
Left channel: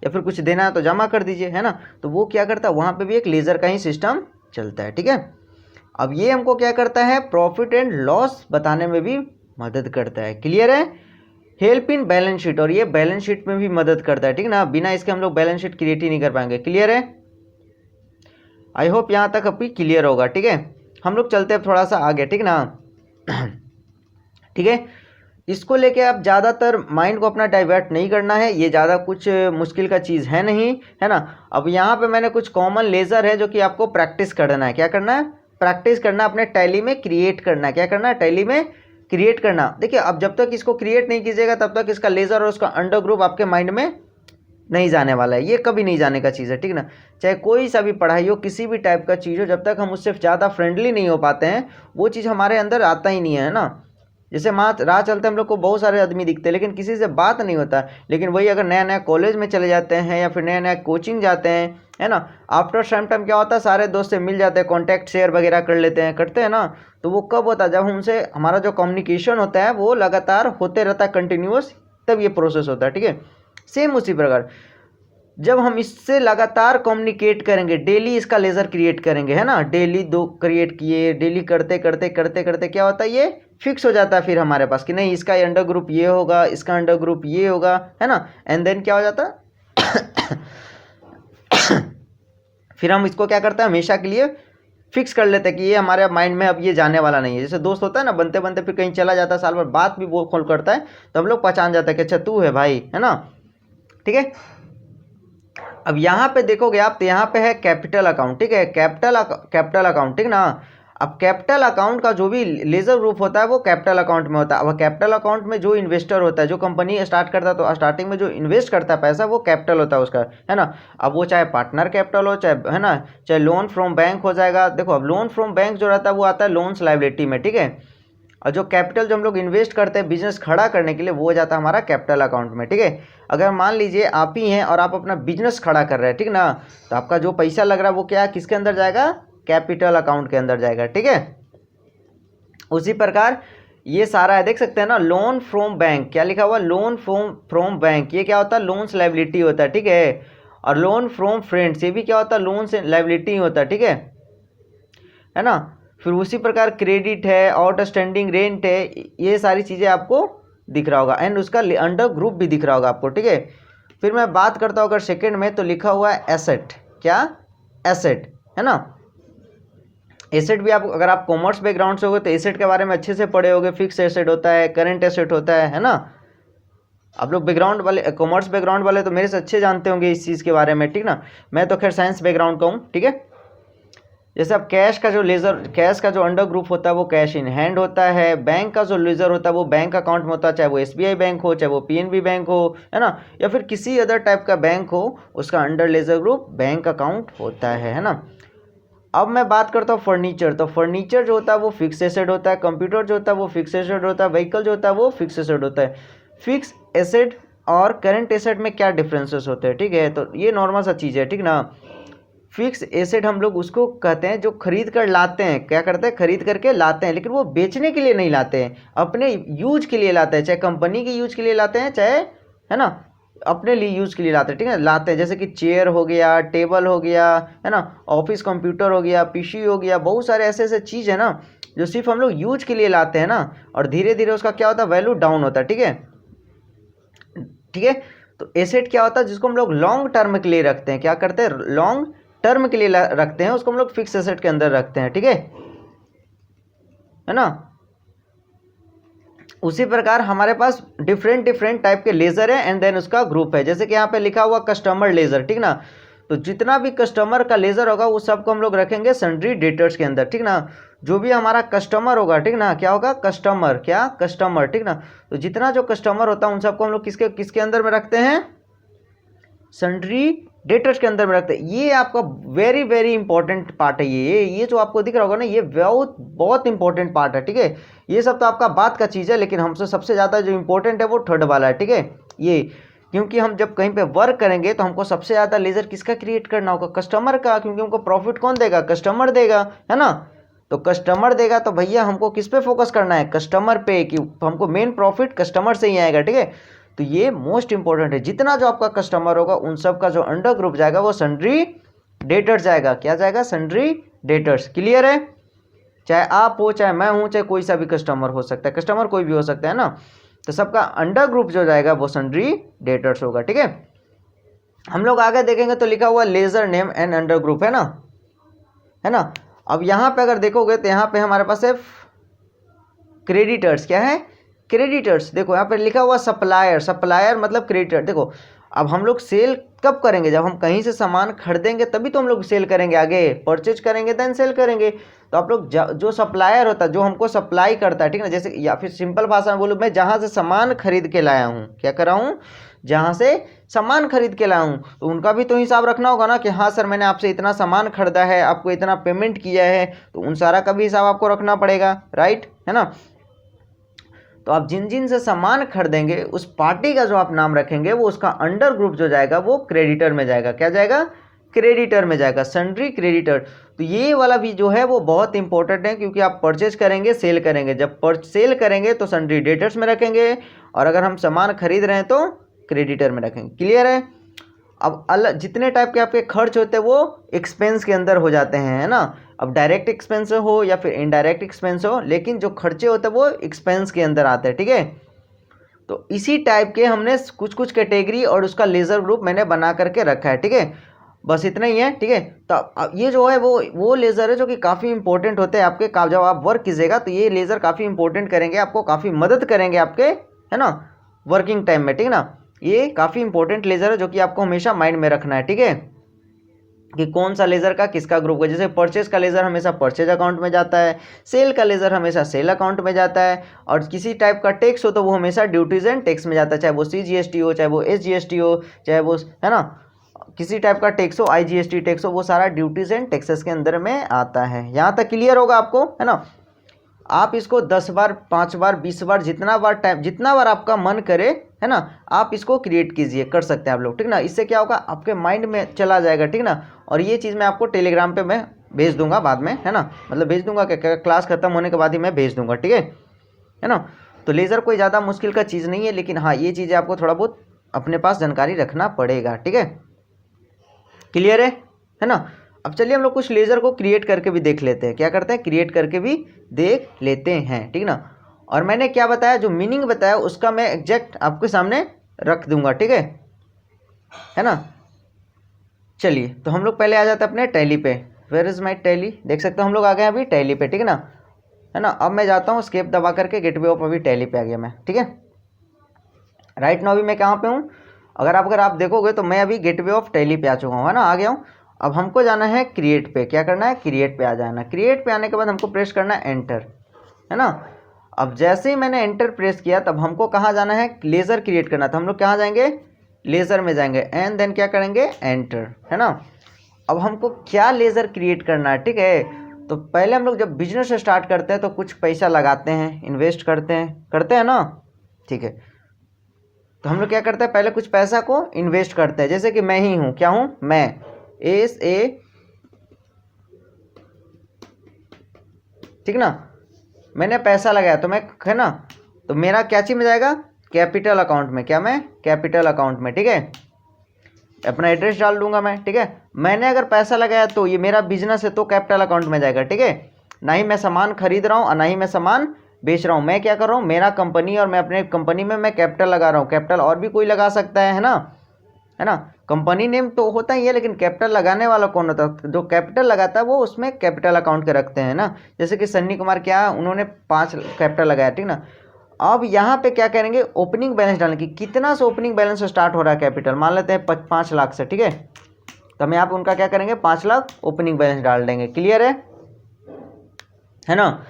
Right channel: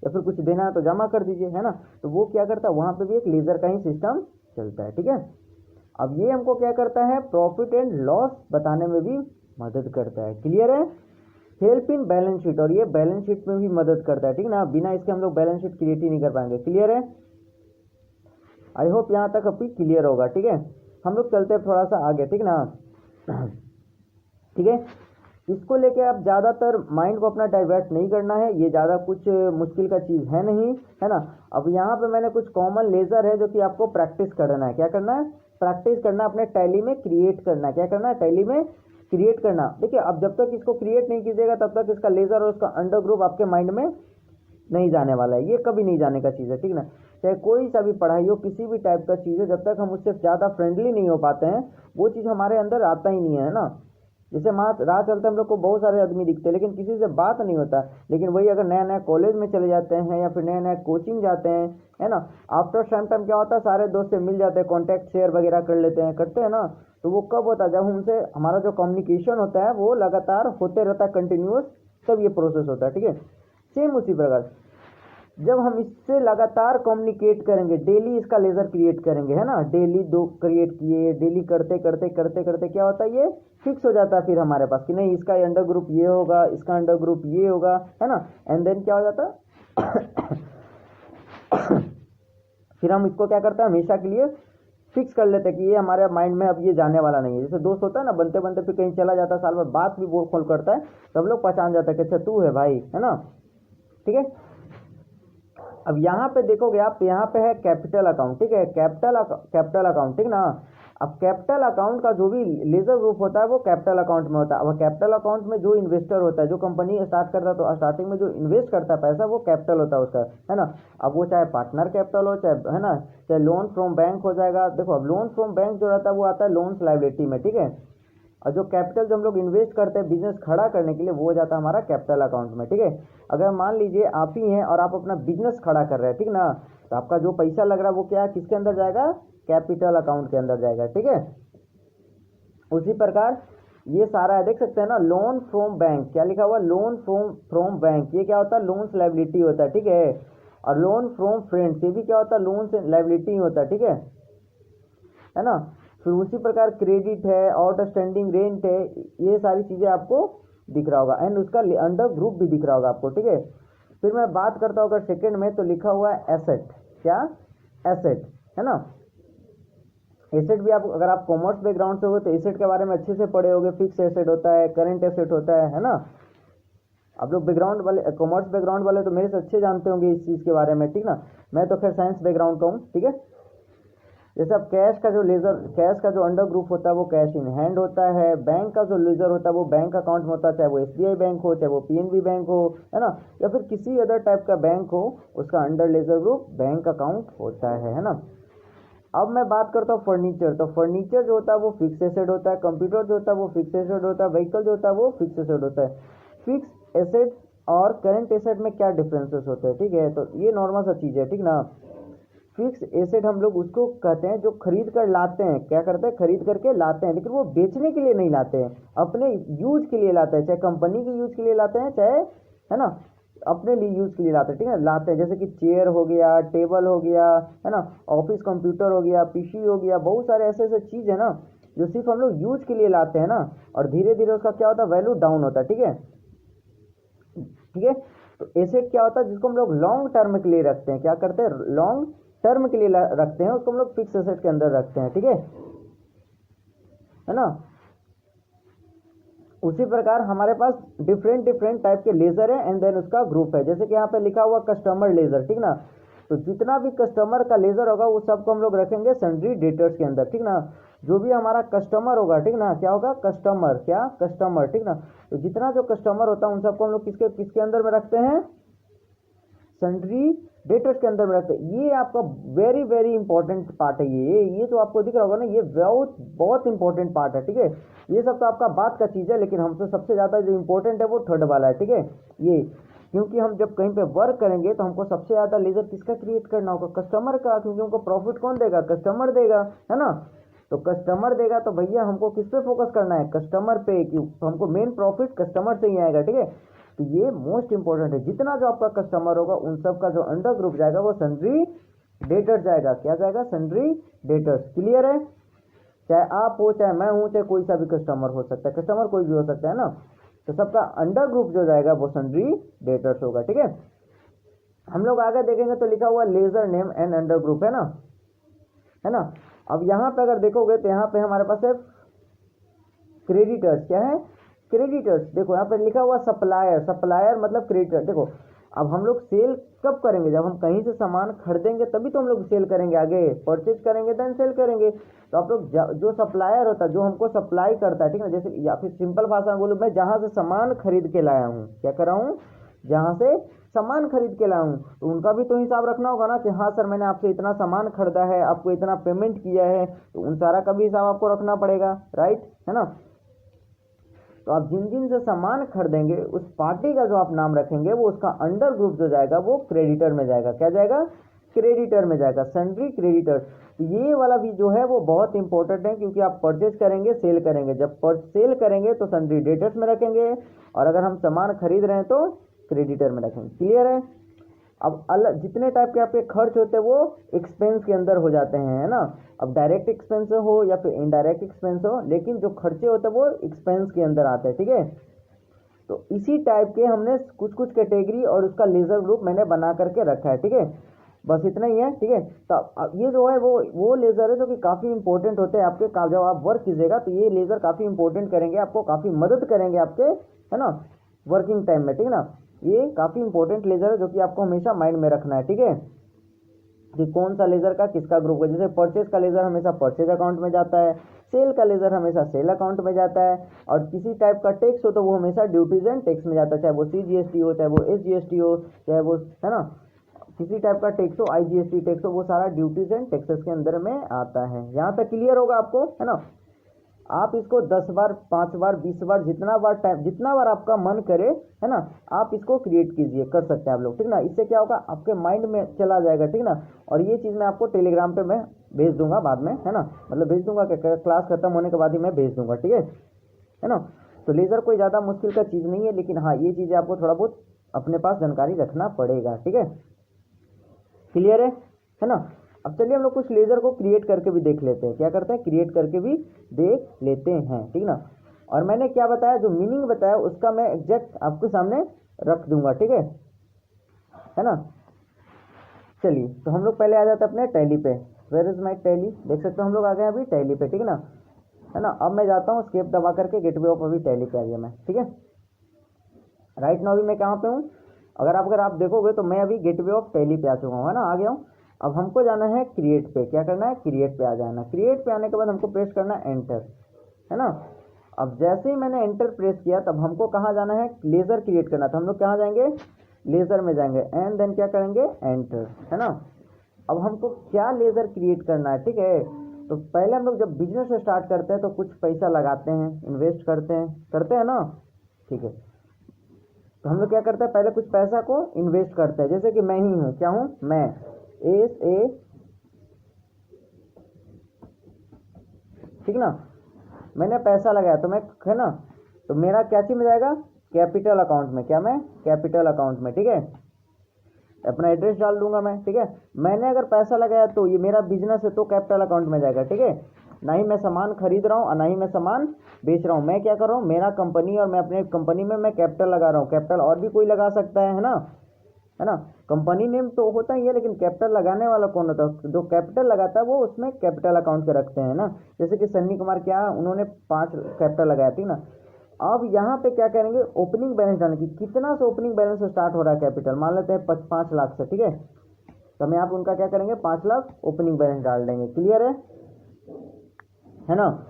या फिर कुछ देना है तो जमा कर दीजिए, है ना। तो वो क्या करता है, वहाँ पे भी एक लेजर का ही सिस्टम चलता है, ठीक है। अब ये हमको क्या करता है, प्रॉफिट एंड लॉस बताने में भी मदद करता है। क्लियर है? हेल्प इन बैलेंस शीट, और ये बैलेंस शीट में भी मदद करता है, ठीक ना। बिना इसके हम लोग बैलेंस शीट क्रिएट ही नहीं कर पाएंगे। क्लियर है? आई होप यहाँ तक अभी क्लियर होगा, ठीक है। हम लोग चलते हैं थोड़ा सा आगे, ठीक ना। ठीक है, इसको लेके आप ज़्यादातर माइंड को अपना डाइवर्ट नहीं करना है, ये ज़्यादा कुछ मुश्किल का चीज़ है नहीं, है ना। अब यहाँ पे मैंने कुछ कॉमन लेज़र है जो कि आपको प्रैक्टिस करना है। क्या करना है? प्रैक्टिस करना, अपने टैली में क्रिएट करना है। क्या करना है? टैली में क्रिएट करना। देखिए, अब जब तक इसको क्रिएट नहीं कीजिएगा तब तक इसका लेज़र और उसका अंडर ग्रुप आपके माइंड में नहीं जाने वाला है, ये कभी नहीं जाने का चीज़ है, ठीक ना। चाहे कोई सा भी पढ़ाई हो, किसी भी टाइप का चीज़ हो, जब तक हम उससे ज़्यादा फ्रेंडली नहीं हो पाते हैं वो चीज़ हमारे अंदर आता ही नहीं है ना। जैसे राह चलते हम लोग को बहुत सारे आदमी दिखते हैं लेकिन किसी से बात नहीं होता। लेकिन वही अगर नया नया कॉलेज में चले जाते हैं या फिर नया नया कोचिंग जाते हैं, है ना, आफ्टर सम टाइम क्या होता है, सारे दोस्त से मिल जाते हैं, कॉन्टैक्ट शेयर वगैरह कर लेते हैं, करते हैं ना। तो वो कब होता है? जब हमसे हमारा जो कम्युनिकेशन होता है वो लगातार होते रहता है, कंटिन्यूस, तब ये प्रोसेस होता है, ठीक है। सेम उसी प्रकार जब हम इससे लगातार कम्युनिकेट करेंगे, डेली इसका लेज़र क्रिएट करेंगे, है ना, डेली 2 क्रिएट किए, डेली करते करते करते करते क्या होता है, ये फिक्स हो जाता है फिर हमारे पास कि नहीं इसका अंडर ग्रुप ये होगा, इसका अंडर ग्रुप ये होगा, है ना। एंड देन क्या हो जाता है फिर हम इसको क्या करते हैं, हमेशा के लिए फिक्स कर लेते हैं कि ये हमारे माइंड में अब ये जाने वाला नहीं है। जैसे दोस्त होता है ना, बनते बनते फिर कहीं चला जाता है, साल भर बात भी वो खोल करता है, तो हम लोग पहचान जाते हैं कि अच्छा तू है भाई, है ना, ठीक है। अब यहाँ पे देखोगे आप तो यहाँ पे है कैपिटल अकाउंट, ठीक है, कैपिटल अकाउंट, ठीक ना। अब कैपिटल अकाउंट का जो भी लेजर ग्रुप होता है वो कैपिटल अकाउंट में होता है। अब कैपिटल अकाउंट में जो इन्वेस्टर होता है, जो कंपनी स्टार्ट करता है, तो स्टार्टिंग में जो इन्वेस्ट करता है पैसा वो कैपिटल होता है उसका, है ना। अब वो चाहे पार्टनर कैपिटल हो, चाहे, है ना, चाहे लोन फ्रॉम बैंक हो जाएगा। देखो, अब लोन फ्रॉम बैंक जो रहता है वो आता है लोन्स लायबिलिटी में, ठीक है। और जो कैपिटल जो हम लोग इन्वेस्ट करते हैं बिजनेस खड़ा करने के लिए वो हो जाता है हमारा कैपिटल अकाउंट में, ठीक है। अगर मान लीजिए आप ही हैं और आप अपना बिजनेस खड़ा कर रहे हैं, ठीक ना, तो आपका जो पैसा लग रहा है वो क्या, किसके अंदर जाएगा, कैपिटल अकाउंट के अंदर जाएगा, ठीक है। उसी प्रकार ये सारा है, देख सकते हैं ना, लोन फ्रॉम बैंक, क्या लिखा हुआ, लोन फ्रॉम बैंक, ये क्या होता है, लोन्स लायबिलिटी होता है, ठीक है। और लोन फ्रॉम फ्रेंड्स, ये भी क्या होता है, लोन्स लायबिलिटी होता है, ठीक है ना। फिर उसी प्रकार क्रेडिट है, आउटस्टैंडिंग रेंट है, ये सारी चीज़ें आपको दिख रहा होगा। एंड उसका अंडर ग्रुप भी दिख रहा होगा आपको, ठीक है। फिर मैं बात करता हूँ अगर सेकंड में, तो लिखा हुआ है एसेट, क्या, एसेट, है ना। एसेट भी आप अगर आप कॉमर्स बैकग्राउंड से होगे तो एसेट के बारे में अच्छे से पढ़े होगे। फिक्स एसेट होता है, करंट एसेट होता है ना। आप लोग बैकग्राउंड वाले, कॉमर्स बैकग्राउंड वाले तो मेरे से अच्छे जानते होंगे इस चीज़ के बारे में, ठीक ना। मैं तो खैर साइंस बैकग्राउंड का हूँ, ठीक है। जैसे अब कैश का जो लेजर, कैश का जो अंडर ग्रुप होता है वो कैश इन हैंड होता है। बैंक का जो लेजर होता है वो बैंक अकाउंट में होता है, चाहे वो एसबीआई बैंक हो, चाहे वो पीएनबी बैंक हो, है ना, या फिर किसी अदर टाइप का बैंक हो, उसका under ledger group bank account होता है ना। अब मैं बात करता हूँ फर्नीचर, तो फर्नीचर जो होता है वो फिक्स एसेट होता है। कंप्यूटर जो होता है वो फिक्स एसेट होता है। व्हीकल जो होता है वो फिक्स एसेट होता है। फिक्स एसेट और करंट एसेट में क्या डिफरेंसेस होते हैं, ठीक है, तो ये नॉर्मल सा चीज़ है, ठीक ना। फिक्स एसेट हम लोग उसको कहते हैं जो खरीद कर लाते हैं, क्या करते हैं, खरीद करके लाते हैं, लेकिन वो बेचने के लिए नहीं लाते हैं, अपने यूज के लिए लाते हैं, चाहे कंपनी के यूज के लिए लाते हैं, चाहे, है ना, अपने लिए यूज के लिए लाते हैं, ठीक है, लाते हैं। जैसे कि चेयर हो गया, टेबल हो गया, है ना, ऑफिस कंप्यूटर हो गया, पीसी हो गया, बहुत सारे ऐसे ऐसे चीज़ है ना जो सिर्फ हम लोग यूज के लिए लाते हैं ना, और धीरे धीरे उसका क्या होता है, वैल्यू डाउन होता है, ठीक है, ठीक है। तो एसेट क्या होता है, जिसको हम लोग लॉन्ग टर्म के लिए रखते हैं, क्या करते हैं, लॉन्ग टर्म के लिए रखते हैं, उसको हम लोग फिक्स एसेट के अंदर रखते हैं, ठीक है ना। उसी प्रकार हमारे पास डिफरेंट डिफरेंट टाइप के लेजर है एंड देन उसका ग्रुप है। जैसे कि यहाँ पे लिखा हुआ कस्टमर लेजर, ठीक ना, तो जितना भी कस्टमर का लेजर होगा वो सबको हम लोग रखेंगे सन्ड्री डेटर्स के अंदर, ठीक ना। जो भी हमारा कस्टमर होगा, ठीक ना, क्या होगा, कस्टमर, क्या, कस्टमर, ठीक ना। तो जितना जो कस्टमर होता है उन सबको हम लोग किसके किसके अंदर में रखते हैं, सन्ड्री डेटर्स के अंदर में रखते हैं। ये आपका वेरी वेरी इंपॉर्टेंट पार्ट है। ये जो आपको दिख रहा होगा ना, ये बहुत बहुत इंपॉर्टेंट पार्ट है, ठीक है। ये सब तो आपका बात का चीज़ है, लेकिन हमसे सबसे ज़्यादा जो इंपॉर्टेंट है वो थर्ड वाला है, ठीक है। ये क्योंकि हम जब कहीं पे वर्क करेंगे तो हमको सबसे ज़्यादा लेजर किसका क्रिएट करना होगा, कस्टमर का, क्योंकि हमको प्रॉफिट कौन देगा, कस्टमर देगा, है ना। तो कस्टमर देगा तो भैया हमको किस पे फोकस करना है, कस्टमर पे, कि हमको मेन प्रॉफिट कस्टमर से ही आएगा, ठीक है। तो ये मोस्ट इंपॉर्टेंट है। जितना जो आपका कस्टमर होगा उन सब का जो अंडर ग्रुप जाएगा वो सन्ड्री डेटर्स जाएगा, क्या जाएगा, सन्ड्री डेटर्स। क्लियर है, चाहे आप हो, चाहे मैं हूं, चाहे कोई सा भी कस्टमर हो सकता है, कस्टमर कोई भी हो सकता है ना। तो सबका अंडर ग्रुप जो जाएगा वो सन्ड्री डेटर्स होगा, ठीक है। हम लोग आगे देखेंगे तो लिखा हुआ ledger name and under group, है ना, अब यहाँ पे अगर देखोगे तो यहाँ पे हमारे पास है क्रेडिटर्स। क्या है? क्रेडिटर्स। देखो यहाँ पे लिखा हुआ सप्लायर, सप्लायर मतलब क्रेडिटर। देखो अब हम लोग सेल कब करेंगे? जब हम कहीं से सामान खरीदेंगे तभी तो हम लोग सेल करेंगे, आगे परचेज करेंगे देन सेल करेंगे। तो आप लोग जो सप्लायर होता है, जो हमको सप्लाई करता है, ठीक है ना, जैसे या फिर सिंपल भाषा में बोलूँ, मैं जहाँ से सामान खरीद के लाया हूँ, क्या कर रहा हूँ? जहाँ से सामान खरीद के लाया हूँ, तो उनका भी तो हिसाब रखना होगा ना कि हाँ सर मैंने आपसे इतना सामान खरीदा है, आपको इतना पेमेंट किया है, तो उन सारा का भी हिसाब आपको रखना पड़ेगा, राइट है ना। तो आप जिन जिन से सामान खरीदेंगे उस पार्टी का जो आप नाम रखेंगे वो उसका अंडर ग्रुप जो जाएगा वो क्रेडिटर में जाएगा। क्या जाएगा? क्रेडिटर में जाएगा, सन्ड्री क्रेडिटर। तो ये वाला भी जो है वो बहुत इंपॉर्टेंट है, क्योंकि आप परचेज करेंगे सेल करेंगे, जब सेल करेंगे तो सन्ड्री डेटर्स में रखेंगे, और अगर हम सामान खरीद रहे हैं तो क्रेडिटर में रखेंगे। क्लियर है? अब अलग जितने टाइप के आपके खर्च होते हैं वो एक्सपेंस के अंदर हो जाते हैं, है ना। अब डायरेक्ट एक्सपेंस हो या फिर इनडायरेक्ट एक्सपेंस हो, लेकिन जो खर्चे होते हैं वो एक्सपेंस के अंदर आते हैं, ठीक है। तो इसी टाइप के हमने कुछ कुछ कैटेगरी और उसका लेजर ग्रुप मैंने बना करके रखा है, ठीक है। बस इतना ही है, ठीक है। तो ये जो है वो लेज़र है जो कि काफ़ी इंपॉर्टेंट होते हैं आपके, जब आप वर्क कीजिएगा तो ये लेज़र काफ़ी इंपॉर्टेंट करेंगे, आपको काफ़ी मदद करेंगे आपके, है ना, वर्किंग टाइम में, ठीक है ना। ये काफ़ी इंपॉर्टेंट लेज़र है जो कि आपको हमेशा माइंड में रखना है, ठीक है, कि कौन सा लेज़र का किसका ग्रुप है। जैसे परचेज का लेज़र हमेशा परचेज अकाउंट में जाता है, सेल का लेज़र हमेशा सेल अकाउंट में जाता है, और किसी टाइप का टैक्स हो तो वो हमेशा ड्यूटीज एंड टैक्स में जाता है, चाहे वो CGST हो, चाहे वो SGST हो, चाहे वो, है ना, किसी टाइप का टैक्स हो, IGST टैक्स हो, वो सारा ड्यूटीज एंड टैक्सेस के अंदर में आता है। यहाँ तक क्लियर होगा आपको, है ना। आप इसको 10 बार, 5 बार, 20 बार, जितना बार आपका मन करे, है ना, आप इसको क्रिएट कीजिए, कर सकते हैं आप लोग, ठीक ना। इससे क्या होगा, आपके माइंड में चला जाएगा, ठीक ना। और ये चीज़ मैं आपको टेलीग्राम पे मैं भेज दूंगा बाद में, है ना, मतलब भेज दूंगा, क्या क्लास खत्म होने के बाद ही मैं भेज दूंगा, ठीक है ना। तो लेज़र कोई ज़्यादा मुश्किल का चीज़ नहीं है, लेकिन हाँ ये चीज़ें आपको थोड़ा बहुत अपने पास जानकारी रखना पड़ेगा, ठीक है। क्लियर है ना। अब चलिए हम लोग कुछ लेज़र को क्रिएट करके भी देख लेते हैं। क्या करते हैं? क्रिएट करके भी देख लेते हैं, ठीक ना। और मैंने क्या बताया, जो मीनिंग बताया उसका मैं एग्जैक्ट आपके सामने रख दूंगा, ठीक है ना। चलिए तो हम लोग पहले आ जाते हैं अपने टैली पे। Where is my Tally? देख सकते हो हम लोग आ गए अभी टैली पे, ठीक है ना। अब मैं जाता हूँ स्केप दबा करके, गेटवे ऑफ, अभी टैली पे आ गया मैं, ठीक है। राइट नाउ अभी मैं कहाँ पे हूँ? अगर आप देखोगे तो मैं अभी गेटवे ऑफ टैली पे आ चुका हूँ, है ना, आ गया हूँ। अब हमको जाना है क्रिएट पे। क्या करना है? क्रिएट पे आ जाना। क्रिएट पे आने के बाद हमको प्रेस करना है एंटर, है ना। अब जैसे ही मैंने एंटर प्रेस किया तब हमको कहाँ जाना है? लेज़र क्रिएट करना था। हम लोग कहाँ जाएंगे? लेज़र में जाएंगे, एंड देन क्या करेंगे? एंटर, है ना। अब हमको क्या लेज़र क्रिएट करना है, ठीक है। तो पहले हम लोग जब बिजनेस स्टार्ट करते हैं तो कुछ पैसा लगाते हैं, इन्वेस्ट करते हैं ना, ठीक है। तो हम लोग क्या करते हैं? पहले कुछ पैसा को इन्वेस्ट करते हैं। जैसे कि मैं ही हूँ, क्या हूँ मैं? SA, ठीक ना। मैंने पैसा लगाया तो मैं, है ना, तो मेरा क्या चीज में जाएगा? कैपिटल अकाउंट में। क्या मैं? कैपिटल अकाउंट में, ठीक है। अपना एड्रेस डाल दूंगा मैं, ठीक है। मैंने अगर पैसा लगाया तो ये मेरा बिजनेस है तो कैपिटल अकाउंट में जाएगा, ठीक है। ना ही मैं सामान खरीद रहा हूँ और ना ही मैं सामान बेच रहा हूँ। मैं क्या कर रहा हूँ? मेरा कंपनी, और मैं अपने कंपनी में मैं कैपिटल लगा रहा हूँ। कैपिटल और भी कोई लगा सकता है ना, है ना। कंपनी नेम तो होता ही है, लेकिन कैपिटल लगाने वाला कौन होता है? जो कैपिटल लगाता है वो उसमें कैपिटल अकाउंट के रखते हैं ना। जैसे कि सन्नी कुमार, क्या उन्होंने 5 कैपिटल लगाया, ठीक ना। अब यहाँ पे क्या करेंगे? ओपनिंग बैलेंस डालने की। कितना से ओपनिंग बैलेंस स्टार्ट हो रहा है कैपिटल? मान लेते हैं 5 लाख से, ठीक है। तो हम यहाँ पे उनका क्या करेंगे? 5 लाख ओपनिंग बैलेंस डाल देंगे। क्लियर है ना।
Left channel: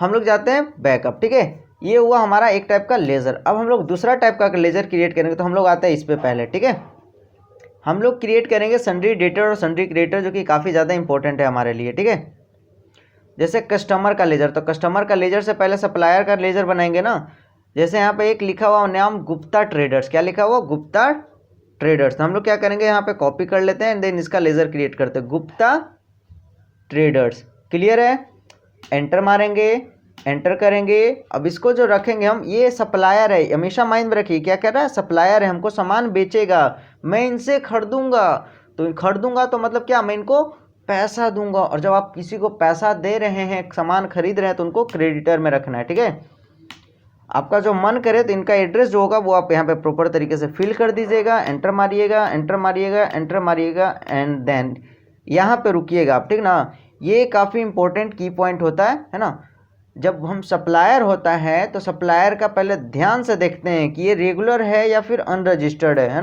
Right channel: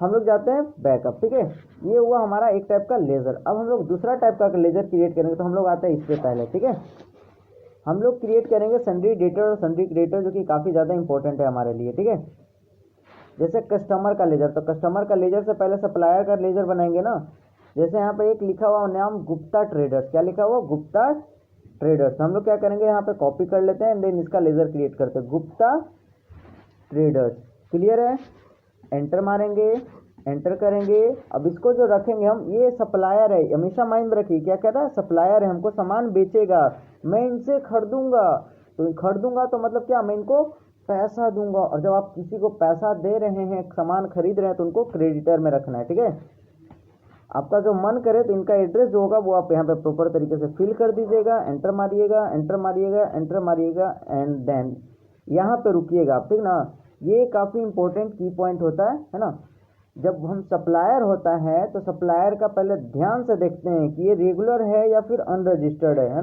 हम लोग जाते हैं बैकअप, ठीक है। ये हुआ हमारा एक टाइप का लेजर। अब हम लोग दूसरा टाइप का लेजर क्रिएट करेंगे, तो हम लोग आते हैं इस पे पहले, ठीक है। हम लोग क्रिएट करेंगे सन्ड्री डेटर और सन्ड्री क्रिएटर, जो कि काफ़ी ज़्यादा इंपॉर्टेंट है हमारे लिए, ठीक है। जैसे कस्टमर का लेजर, तो कस्टमर का लेजर से पहले सप्लायर का लेजर बनाएंगे ना। जैसे यहाँ पे एक लिखा हुआ नाम गुप्ता ट्रेडर्स। क्या लिखा हुआ? गुप्ता ट्रेडर्स। तो हम लोग क्या करेंगे? यहाँ पे कॉपी कर लेते हैं एंड देन इसका लेजर क्रिएट करते हैं, गुप्ता ट्रेडर्स। क्लियर है? एंटर मारेंगे, एंटर करेंगे। अब इसको जो रखेंगे हम, ये सप्लायर है, हमेशा माइंड में रखिए। क्या कर रहा है? सप्लायर है, हमको सामान बेचेगा, मैं इनसे खरीदूंगा। तो खरीदूंगा तो मतलब क्या? मैं इनको पैसा दूंगा। और जब आप किसी को पैसा दे रहे हैं, सामान खरीद रहे हैं, तो उनको क्रेडिटर में रखना है, ठीक है। आपका जो मन करे तो इनका एड्रेस जो होगा वो आप यहाँ पे प्रॉपर तरीके से फिल कर दीजिएगा। एंटर मारिएगा, एंटर मारिएगा, एंटर मारिएगा, एंड देन यहाँ पे रुकिएगा आप, ठीक ना। ये काफ़ी इंपॉर्टेंट की पॉइंट होता है ना। जब हम सप्लायर होता है तो सप्लायर का पहले ध्यान से देखते हैं कि ये रेगुलर है या फिर अनरजिस्टर्ड है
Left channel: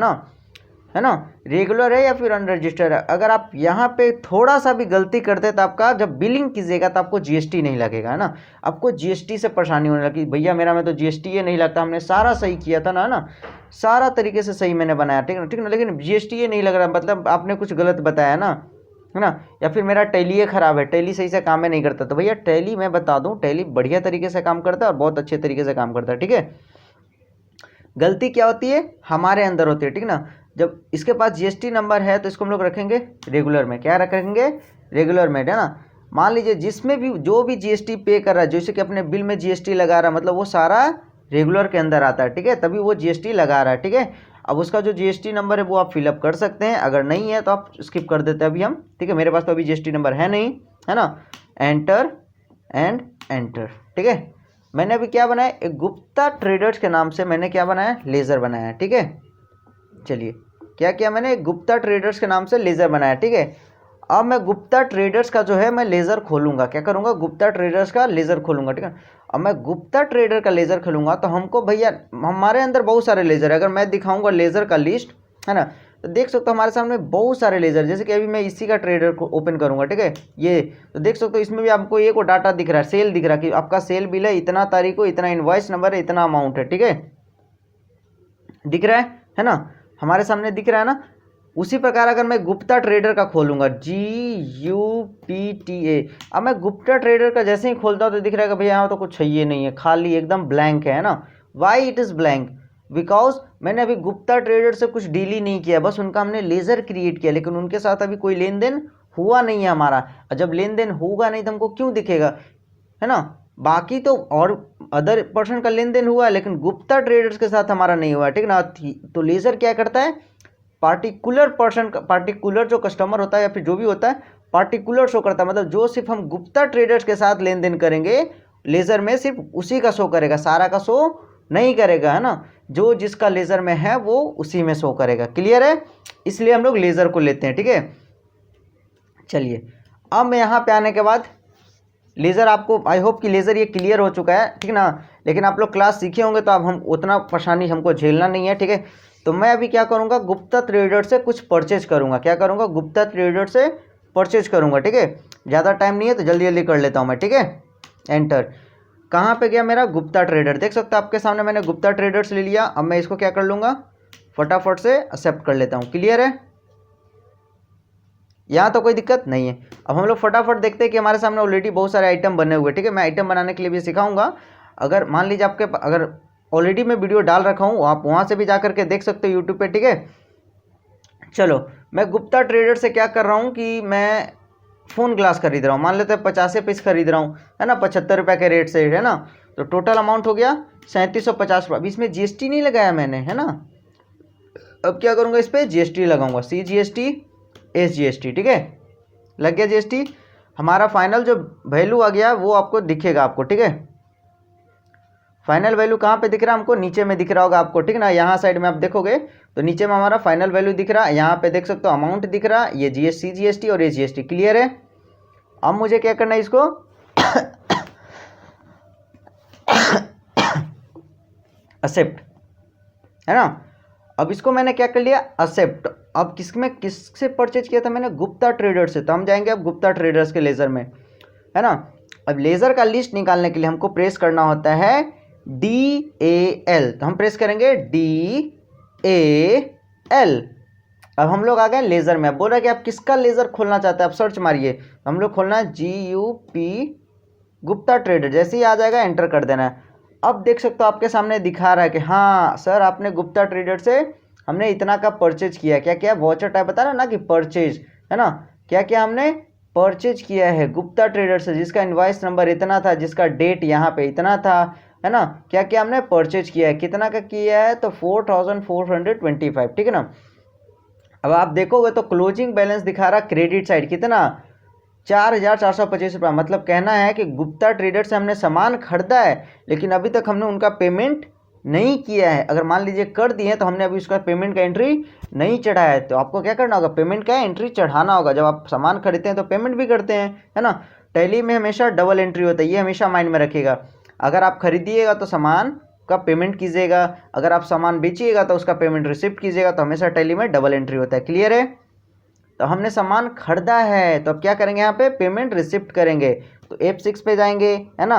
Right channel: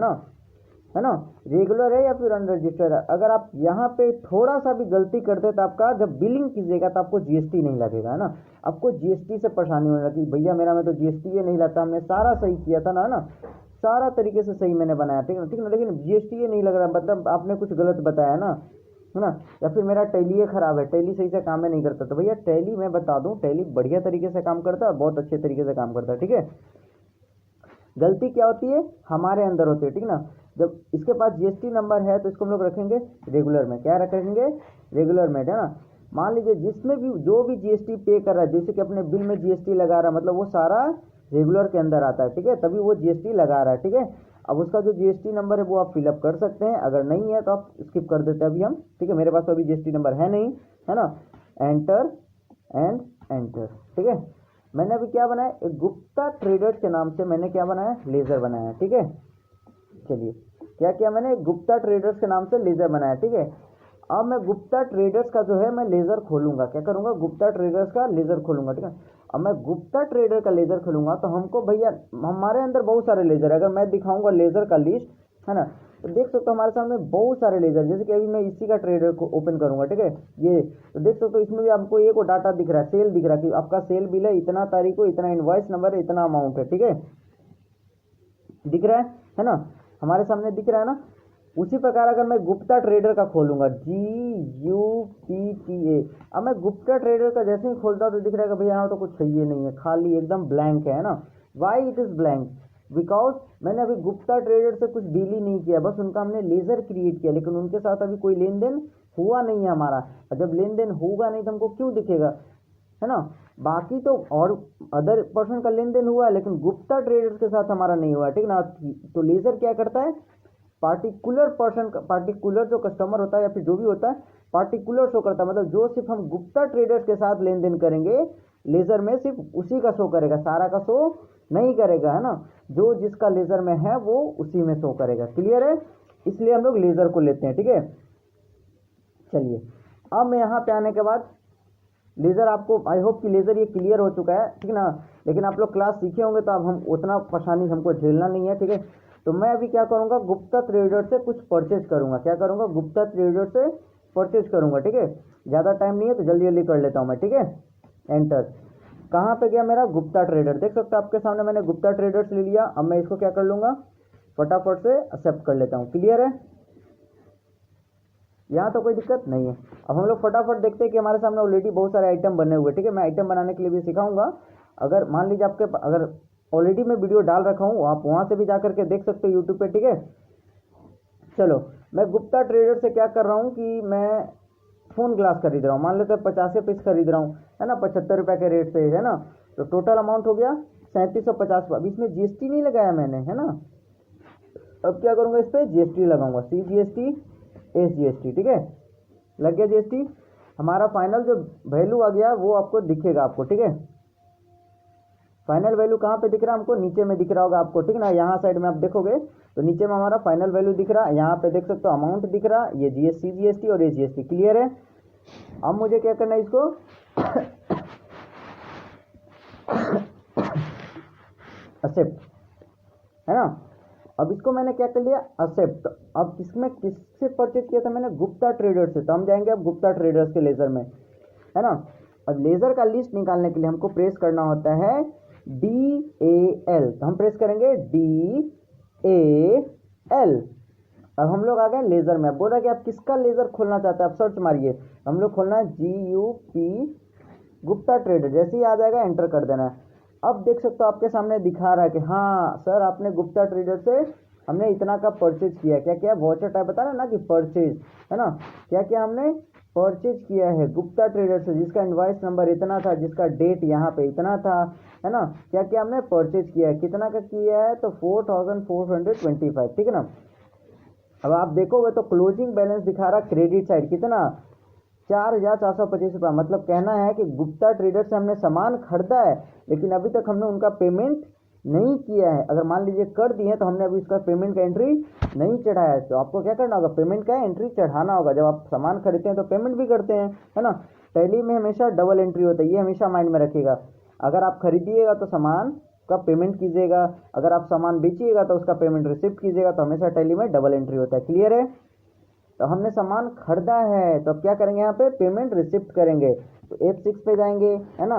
ना, रेगुलर है या फिर अनरजिस्टर्ड है। अगर आप यहाँ पे थोड़ा सा भी गलती करते तो आपका जब बिलिंग कीजिएगा तो आपको जीएसटी नहीं लगेगा, है ना। आपको जीएसटी से परेशानी होने लगी, भैया मेरा में तो जीएसटी ये नहीं लगता, हमने सारा सही किया था ना, सारा तरीके से सही मैंने बनाया, ठीक ना, लेकिन जीएसटी ये नहीं लग रहा, मतलब आपने कुछ गलत बताया ना, है ना। या फिर मेरा टैली खराब है, टैली सही से काम में नहीं करता, तो भैया टैली मैं बता दूं, टैली बढ़िया तरीके से काम करता है और बहुत अच्छे तरीके से काम करता है, ठीक है। गलती क्या होती है, हमारे अंदर होती है, ठीक ना। जब इसके पास जीएसटी नंबर है तो इसको हम लोग रखेंगे रेगुलर में, क्या रखेंगे, रेगुलर में, है ना। मान लीजिए जिसमें भी जो भी जीएसटी पे कर रहा है, जैसे कि अपने बिल में जीएसटी लगा रहा है, मतलब वो सारा रेगुलर के अंदर आता है, ठीक है, तभी वो जीएसटी लगा रहा है, ठीक है। अब उसका जो जीएसटी नंबर है वो आप फिलअप कर सकते हैं, अगर नहीं है तो आप स्किप कर देते हैं अभी हम, ठीक है। मेरे पास तो अभी जीएसटी नंबर है नहीं, है ना। एंटर एंड एंटर, ठीक है। मैंने अभी क्या बनाया, एक गुप्ता ट्रेडर्स के नाम से मैंने क्या बनाया, लेजर बनाया, ठीक है। चलिए क्या किया मैंने, गुप्ता ट्रेडर्स के नाम से लेजर बनाया, ठीक है। अब मैं गुप्ता ट्रेडर्स का जो है मैं लेजर खोलूंगा, क्या करूंगा, गुप्ता ट्रेडर्स का लेजर खोलूंगा, ठीक है। अब मैं गुप्ता ट्रेडर का लेजर खोलूंगा तो हमको भैया हमारे अंदर बहुत सारे लेजर है, अगर मैं दिखाऊंगा लेजर का लिस्ट, है ना, तो देख सकते हो हमारे सामने बहुत सारे लेजर, जैसे कि अभी मैं इसी का ट्रेडर को ओपन करूंगा, ठीक है। ये तो देख सकते हो इसमें भी आपको एक डाटा दिख रहा है, सेल दिख रहा है कि आपका सेल बिल है, इतना तारीख को, इतना इनवॉइस नंबर है, इतना अमाउंट है, ठीक है, दिख रहा है ना, हमारे सामने दिख रहा है ना। उसी प्रकार अगर मैं गुप्ता ट्रेडर का खोलूंगा, GUPTA, अब मैं गुप्ता ट्रेडर का जैसे ही खोलता हूँ तो दिख रहा है कि भैया यहाँ तो कुछ है ये नहीं है, खाली एकदम ब्लैंक है ना। Why it is blank, because मैंने अभी गुप्ता ट्रेडर से कुछ डील ही नहीं किया, बस उनका हमने लेजर क्रिएट किया, लेकिन उनके साथ अभी कोई लेन देन हुआ नहीं है हमारा। और जब लेन देन होगा नहीं तो हमको क्यों दिखेगा, है ना। बाकी तो और अदर पर्सन का लेन देन हुआ है, लेकिन गुप्ता ट्रेडर्स के साथ हमारा नहीं हुआ है, ठीक ना। तो लेजर क्या करता है, पार्टिकुलर पर्सन का, पार्टिकुलर जो कस्टमर होता है या फिर जो भी होता है पार्टिकुलर शो करता है, मतलब जो सिर्फ हम गुप्ता ट्रेडर्स के साथ लेन देन करेंगे लेजर में सिर्फ उसी का शो करेगा, सारा का शो नहीं करेगा, है ना। जो जिसका लेजर में है वो उसी में शो करेगा, क्लियर है। इसलिए हम लोग लेजर को लेते हैं, ठीक है। चलिए अब मैं यहाँ पे आने के बाद लेजर, आपको आई होप कि लेजर ये क्लियर हो चुका है, ठीक ना। लेकिन आप लोग क्लास सीखे होंगे तो अब हम उतना परेशानी हमको झेलना नहीं है, ठीक है। तो मैं अभी क्या करूँगा, गुप्ता ट्रेडर से कुछ परचेज करूँगा, क्या करूँगा, गुप्ता ट्रेडर से परचेज करूँगा, ठीक है। ज़्यादा टाइम नहीं है तो जल्दी जल्दी कर लेता हूँ मैं, ठीक है। एंटर, कहाँ पे गया मेरा गुप्ता ट्रेडर, देख सकते हो आपके सामने मैंने गुप्ता ट्रेडर्स ले लिया। अब मैं इसको क्या कर लूँगा, फटाफट से एक्सेप्ट कर लेता हूँ, क्लियर है, यहाँ तो कोई दिक्कत नहीं है। अब हम लोग फटाफट देखते हैं कि हमारे सामने ऑलरेडी बहुत सारे आइटम बने हुए, ठीक है। मैं आइटम बनाने के लिए भी सिखाऊंगा, अगर मान लीजिए आपके अगर ऑलरेडी मैं वीडियो डाल रखा हूँ, आप वहाँ से भी जा करके देख सकते हो यूट्यूब पे, ठीक है। चलो मैं गुप्ता ट्रेडर से क्या कर रहा हूँ कि मैं फ़ोन ग्लास खरीद रहा हूँ, मान लेते हैं 50 पीस खरीद रहा हूँ, है ना, 75 रुपये के रेट से, है ना। तो टोटल अमाउंट हो गया 3750 रुपये, इसमें जीएसटी नहीं लगाया मैंने, है ना। अब क्या करूँगा, इस पर जीएसटी लगाऊंगा, CGST SGST, ठीक है, लग गया जीएसटी। हमारा फाइनल जो वैल्यू आ गया वो आपको दिखेगा आपको, ठीक है। फाइनल वैल्यू कहाँ पे दिख रहा है हमको, नीचे में दिख रहा होगा आपको, ठीक ना। यहाँ साइड में आप देखोगे तो नीचे में हमारा फाइनल वैल्यू दिख रहा है, यहाँ पे देख सकते हो अमाउंट दिख रहा है, ये CGST और SGST, क्लियर है। अब मुझे क्या करना है, इसको एक्सेप्ट, है ना। अब इसको मैंने क्या कर लिया, एक्सेप्ट। अब किससे परचेज किया था मैंने, गुप्ता ट्रेडर्स से, तो हम जाएंगे अब गुप्ता ट्रेडर्स के लेजर में, है ना। अब लेजर का लिस्ट निकालने के लिए हमको प्रेस करना होता है DAL, तो हम प्रेस करेंगे DAL। अब हम लोग आ गए लेजर में। अब बोल रहा है कि आप किसका लेजर खोलना चाहते हैं, आप सर्च मारिए, हम लोग खोलना है GUP गुप्ता ट्रेडर, जैसे ही आ जाएगा एंटर कर देना है। अब देख सकते हो आपके सामने दिखा रहा है कि हाँ सर आपने गुप्ता ट्रेडर से हमने इतना का परचेज किया, क्या क्या वॉचर टाइप बता रहा ना कि परचेज, है ना, क्या क्या हमने परचेज किया है गुप्ता ट्रेडर से, जिसका इनवॉइस नंबर इतना था, जिसका डेट यहाँ पे इतना था, है ना। क्या क्या हमने परचेज किया है, कितना का किया है, तो 4425, ठीक है ना। अब आप देखोगे तो क्लोजिंग बैलेंस दिखा रहा क्रेडिट साइड कितना, 4425 रुपये। मतलब कहना है कि गुप्ता ट्रेडर से हमने सामान खरीदा है लेकिन अभी तक हमने उनका पेमेंट नहीं किया है, अगर मान लीजिए कर दिए तो हमने अभी उसका पेमेंट का एंट्री नहीं चढ़ाया है, तो आपको क्या करना होगा, पेमेंट का एंट्री चढ़ाना होगा। जब आप सामान खरीदते हैं तो पेमेंट भी करते हैं, है ना। टैली में हमेशा डबल एंट्री होता है, ये हमेशा माइंड में रखिएगा। अगर आप खरीदिएगा तो सामान का पेमेंट कीजिएगा, अगर आप सामान बेचिएगा तो उसका पेमेंट रिसिप्ट कीजिएगा, तो हमेशा टैली में डबल एंट्री होता है। क्लियर है। तो हमने सामान खरीदा है तो अब क्या करेंगे, यहाँ पे पेमेंट रिसिप्ट करेंगे, तो F6 पे जाएंगे, है ना।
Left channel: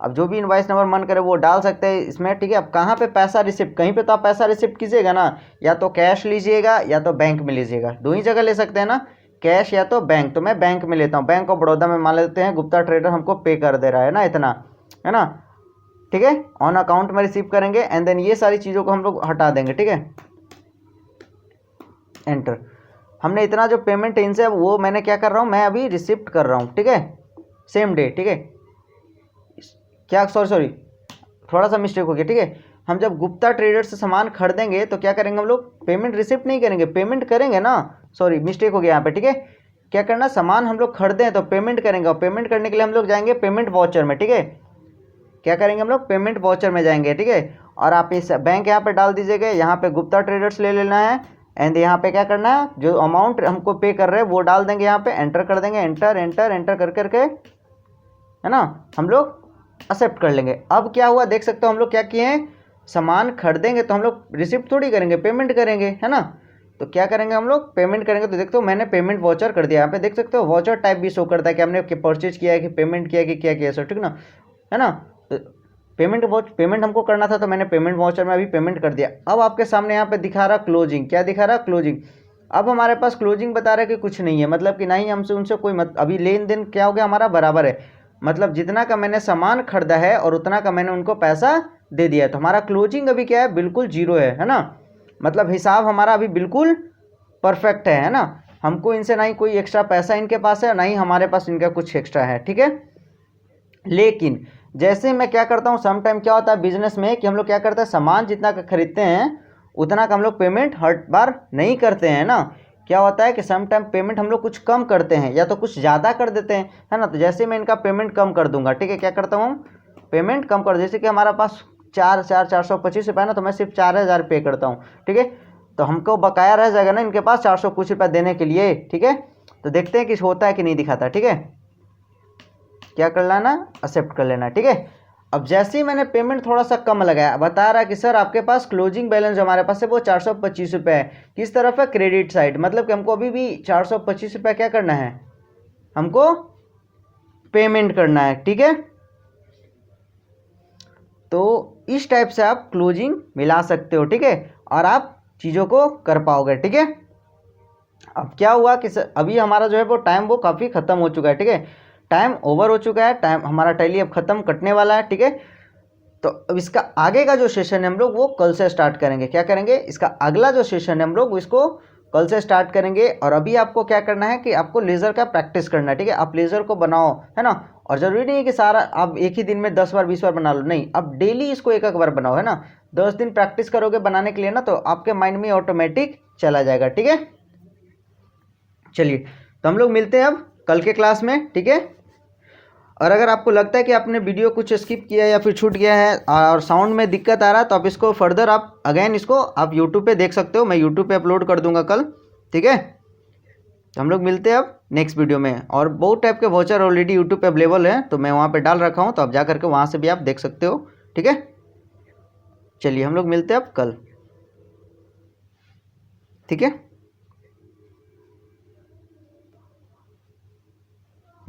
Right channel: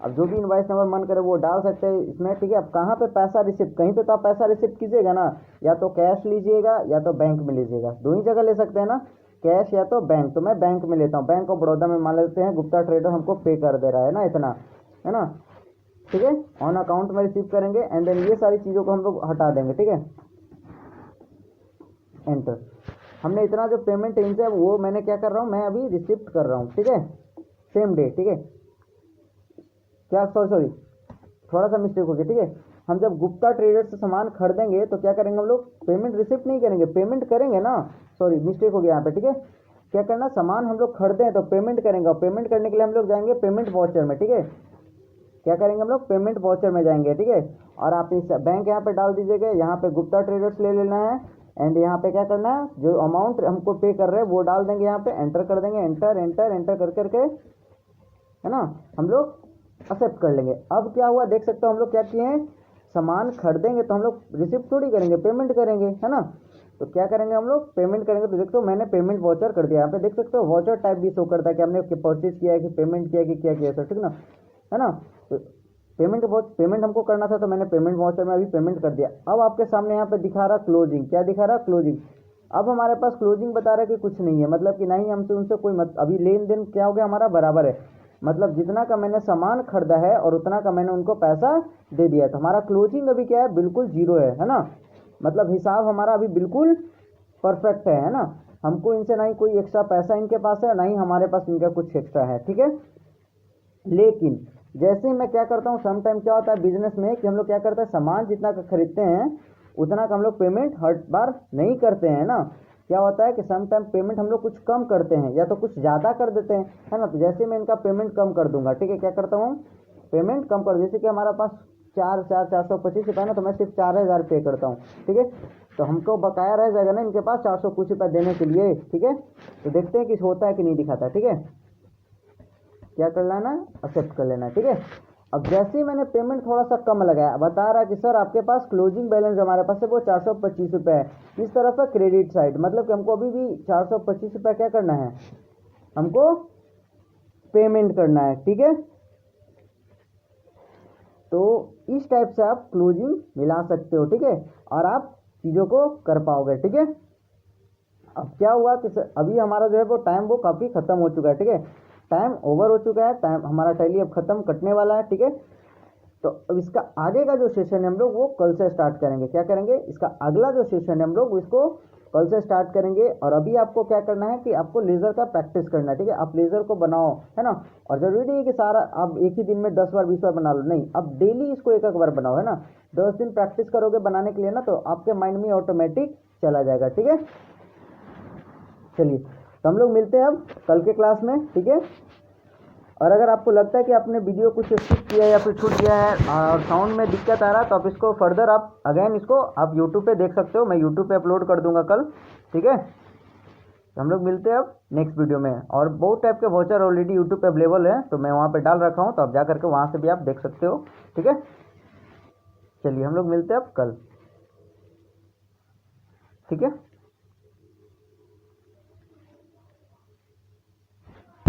अब जो भी इनवाइस नंबर मन करे वो डाल सकते हैं इसमें, ठीक है। अब कहाँ पे पैसा रिसिप्ट, कहीं पे तो आप पैसा रिसिप्ट कीजिएगा ना, या तो कैश लीजिएगा या तो बैंक में लीजिएगा, दो ही जगह ले सकते हैं ना, कैश या तो बैंक। तो मैं बैंक में लेता हूँ, बैंक ऑफ बड़ौदा में मान लेते हैं गुप्ता ट्रेडर हमको पे कर दे रहा है ना इतना, है ना, ठीक है। ऑन अकाउंट में रिसीव करेंगे एंड देन ये सारी चीज़ों को हम लोग हटा देंगे, ठीक है। एंटर। हमने इतना जो पेमेंट इनसे वो मैंने क्या कर रहा हूँ, मैं अभी रिसिप्ट कर रहा हूँ, ठीक है, सेम डे, ठीक है। क्या सॉरी थोड़ा सा मिस्टेक हो गया, ठीक है। हम जब गुप्ता ट्रेडर से सामान खरीदेंगे तो क्या करेंगे हम लोग, पेमेंट रिसिप्ट नहीं करेंगे, पेमेंट करेंगे ना, सॉरी मिस्टेक हो गया यहाँ पे, ठीक है। क्या करना, सामान हम लोग खरीदे हैं तो पेमेंट करेंगे, और पेमेंट करने के लिए हम लोग जाएंगे पेमेंट वाउचर में, ठीक है। क्या करेंगे हम लोग, पेमेंट वाउचर में जाएंगे, ठीक है। और आप इस बैंक यहाँ पे डाल दीजिएगा, यहाँ पे गुप्ता ट्रेडर्स ले लेना है एंड यहाँ पे क्या करना है, जो अमाउंट हमको पे कर रहे हैं वो डाल देंगे, यहाँ पे एंटर कर देंगे, एंटर एंटर एंटर कर करके, है ना, हम लोग एक्सेप्ट कर लेंगे। अब क्या हुआ देख सकते हो, हम लोग क्या किए हैं, सामान खरीदेंगे तो हम लोग रिसिप्ट थोड़ी करेंगे, पेमेंट करेंगे, है ना। तो क्या करेंगे हम लोग, पेमेंट करेंगे। तो देखते हो मैंने पेमेंट वाउचर कर दिया, यहाँ पे देख सकते हो वाउचर टाइप भी शो करता है कि हमने परचेज किया है कि पेमेंट किया कि क्या किया, सर ठीक ना, है ना। पेमेंट हमको करना था तो मैंने पेमेंट वाउचर में अभी पेमेंट कर दिया। अब आपके सामने यहाँ पे दिखा रहा क्लोजिंग, क्या दिखा रहा, क्लोजिंग। अब हमारे पास क्लोजिंग बता रहा है कि कुछ नहीं है, मतलब कि नहीं हमसे उनसे कोई अभी लेन देन क्या हो गया हमारा, बराबर है, मतलब जितना का मैंने सामान खरीदा है और उतना का मैंने उनको पैसा दे दिया, तो हमारा क्लोजिंग अभी क्या है, बिल्कुल जीरो है ना। मतलब हिसाब हमारा अभी बिल्कुल परफेक्ट है ना। हमको इनसे ना ही कोई एक्स्ट्रा पैसा इनके पास है, ना ही हमारे पास इनका कुछ एक्स्ट्रा है, ठीक है। लेकिन जैसे मैं क्या करता हूँ, सम टाइम क्या होता है बिजनेस में कि हम लोग क्या करते हैं, सामान जितना का खरीदते हैं उतना का हम लोग पेमेंट हर बार नहीं करते हैं ना। क्या होता है कि सम टाइम पेमेंट हम लोग कुछ कम करते हैं या तो कुछ ज़्यादा कर देते हैं, है ना। तो जैसे मैं इनका पेमेंट कम कर दूंगा, ठीक है, क्या करता हूँ, पेमेंट कम कर, जैसे कि हमारा पास 4,425 रुपये ना, तो मैं सिर्फ 4,000 पे करता हूँ, ठीक है। तो हमको बकाया रह जाएगा ना इनके पास 400 कुछ रुपये देने के लिए, ठीक है। तो देखते हैं कि होता है कि नहीं दिखाता, ठीक है। क्या कर लेना, एक्सेप्ट कर लेना, ठीक है। अब जैसे ही मैंने पेमेंट थोड़ा सा कम लगाया, बता रहा कि सर आपके पास क्लोजिंग बैलेंस हमारे पास है वो 425 रुपये है, किस तरफ है, क्रेडिट साइड, मतलब कि हमको अभी भी 425 रुपये क्या करना है, हमको पेमेंट करना है, ठीक है। तो इस टाइप से आप क्लोजिंग मिला सकते हो, ठीक है, और आप चीज़ों को कर पाओगे, ठीक है। अब क्या हुआ कि अभी हमारा जो है वो टाइम वो काफ़ी ख़त्म हो चुका है, ठीक है, टाइम ओवर हो चुका है, टाइम हमारा टैली अब ख़त्म कटने वाला है, ठीक है। तो अब इसका आगे का जो सेशन है हम लोग वो कल से स्टार्ट करेंगे, क्या करेंगे, इसका अगला जो सेशन है हम लोग इसको कल से स्टार्ट करेंगे। और अभी आपको क्या करना है कि आपको लेज़र का प्रैक्टिस करना है, ठीक है। आप लेज़र को बनाओ, है ना, और ज़रूरी नहीं है कि सारा आप एक ही दिन में 10 बार 20 बार बना लो, नहीं, आप डेली इसको एक एक बार बनाओ, है ना। 10 दिन प्रैक्टिस करोगे बनाने के लिए ना, तो आपके माइंड में ऑटोमेटिक चला जाएगा, ठीक है। चलिए, तो हम लोग मिलते हैं अब कल के क्लास में, ठीक है। और अगर आपको लगता है कि आपने वीडियो कुछ स्किप किया या फिर छूट गया है और साउंड में दिक्कत आ रहा है, तो आप इसको फर्दर आप अगेन इसको आप यूट्यूब पे देख सकते हो, मैं यूट्यूब पे अपलोड कर दूंगा कल, ठीक है। तो हम लोग मिलते हैं अब नेक्स्ट वीडियो में। और बहुत टाइप के वाउचर ऑलरेडी यूट्यूब पे अवेलेबल है, तो मैं वहाँ पे डाल रखा हूँ, तो आप जा करके वहाँ से भी आप देख सकते हो, ठीक है। चलिए हम लोग मिलते हैं अब कल, ठीक है।